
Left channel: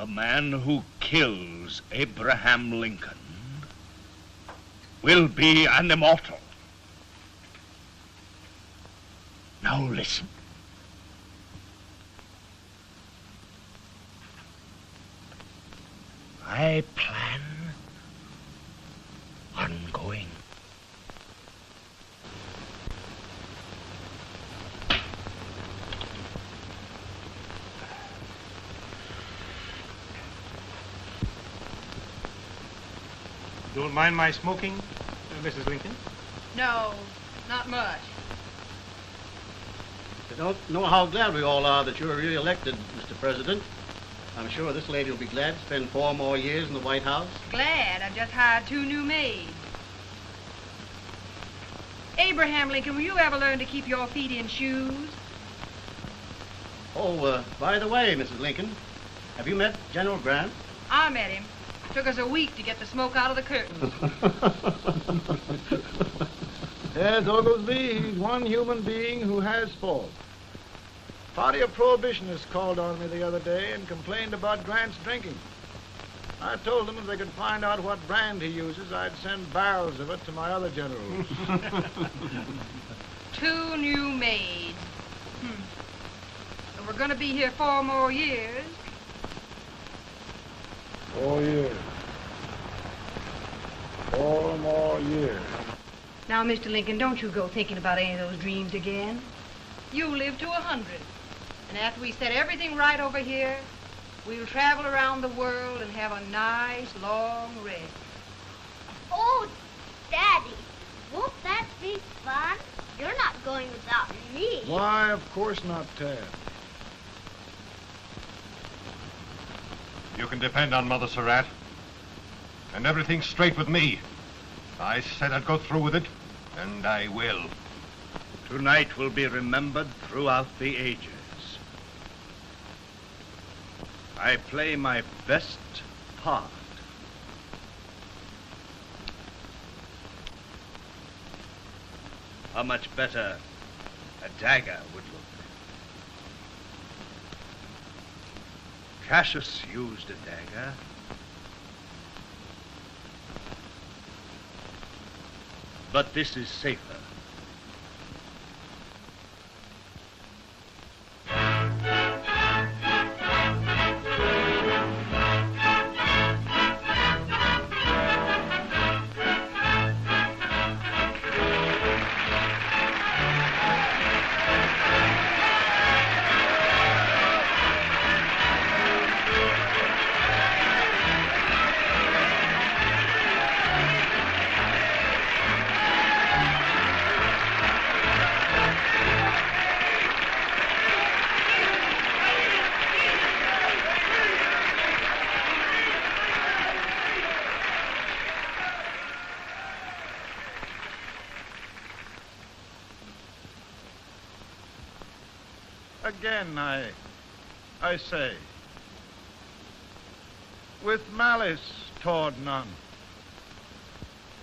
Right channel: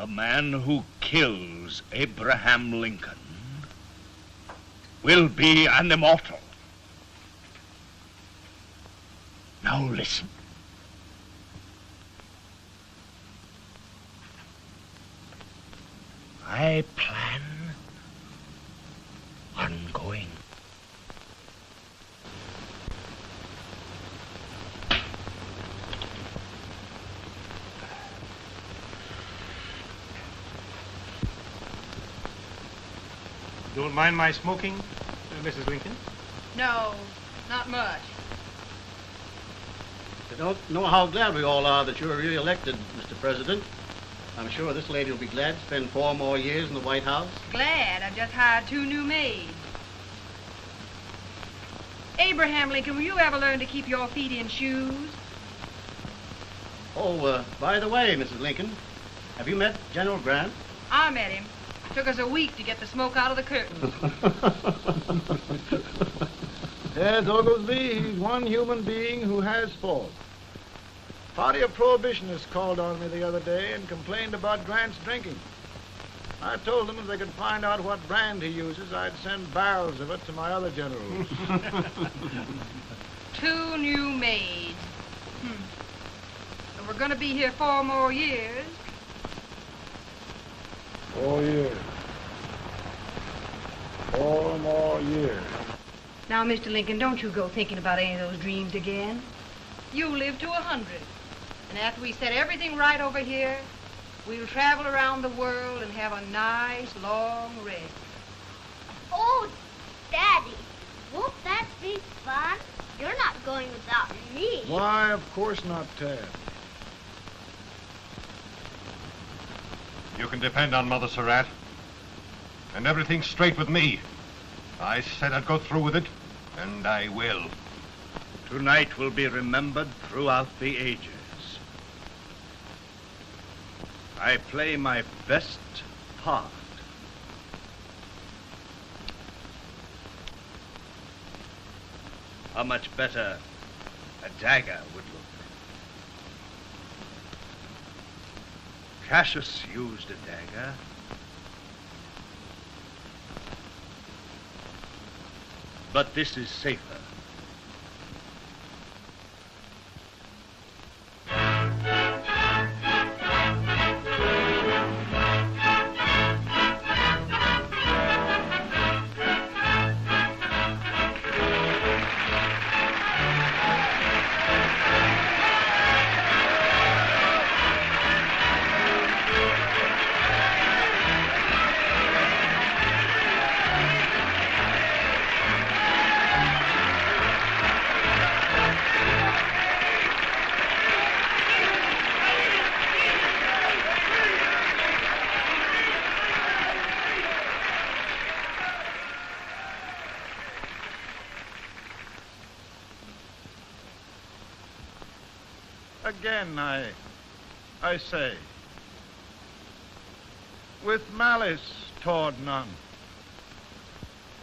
the man who kills Abraham Lincoln will be an immortal. Now listen. don't mind my smoking, Mrs. Lincoln? No, not much. You don't know how glad we all are that you're re-elected, Mr. President. I'm sure this lady will be glad to spend 4 more years in the White House. Glad. I've just hired 2 new maids. Abraham Lincoln, will you ever learn to keep your feet in shoes? Oh, by the way, Mrs. Lincoln, have you met General Grant? I met him. It took us a week to get the smoke out of the curtains. Yes, Oglesby, he's one human being who has faults. Party of Prohibitionists called on me the other day and complained about Grant's drinking. I told them if they could find out what brand he uses, I'd send barrels of it to my other generals. 2 new maids. And we're going to be here 4 more years. 4 years. 4 more years. Now, Mr. Lincoln, don't you go thinking about any of those dreams again. You live to 100. And after we set everything right over here, we'll travel around the world and have a nice, long rest. Oh, Daddy, won't that be fun? You're not going without me. Why, of course not, Tad. You can depend on Mother Surratt. And everything's straight with me. I said I'd go through with it, and I will. Tonight will be remembered throughout the ages. I play my best part. How much better a dagger would look. Cassius used a dagger. But this is safer. Again, I say, with malice toward none,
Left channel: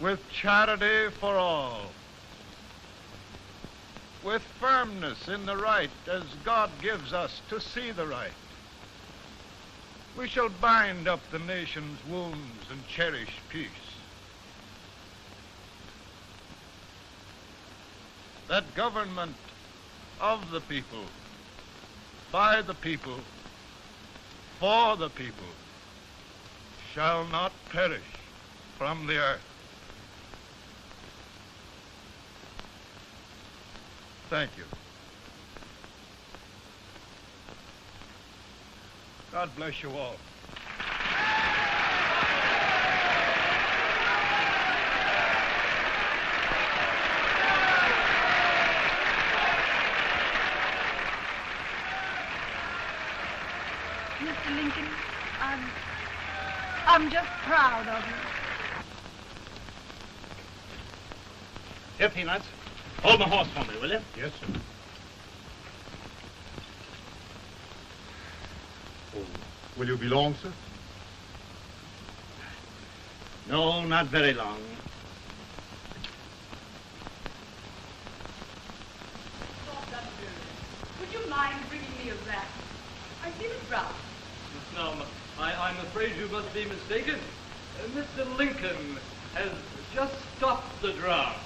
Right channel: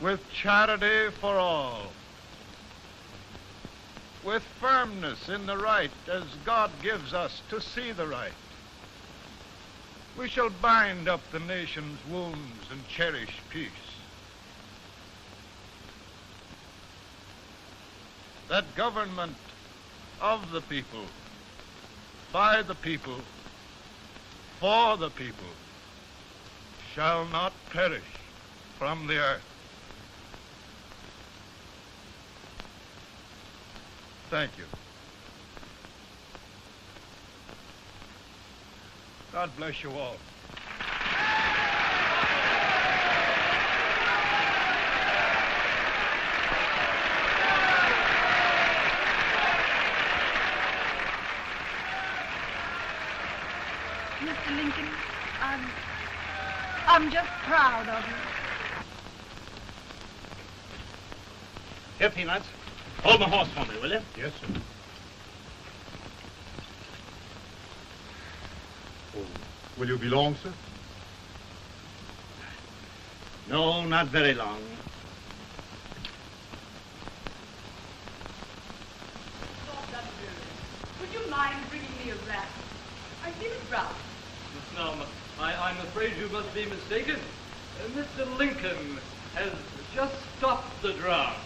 with charity for all, with firmness in the right as God gives us to see the right, we shall bind up the nation's wounds and cherish peace. That government of the people, by the people, for the people, shall not perish from the earth. Thank you. God bless you all. I'm just proud of you. Here, Peanuts. Hold my horse for me, will you? Yes, sir. Oh, will you be long, sir? No, not very long. Would you mind bringing me a glass? I feel it brown. No, I'm afraid you must be mistaken. Mr. Lincoln has just stopped the draft.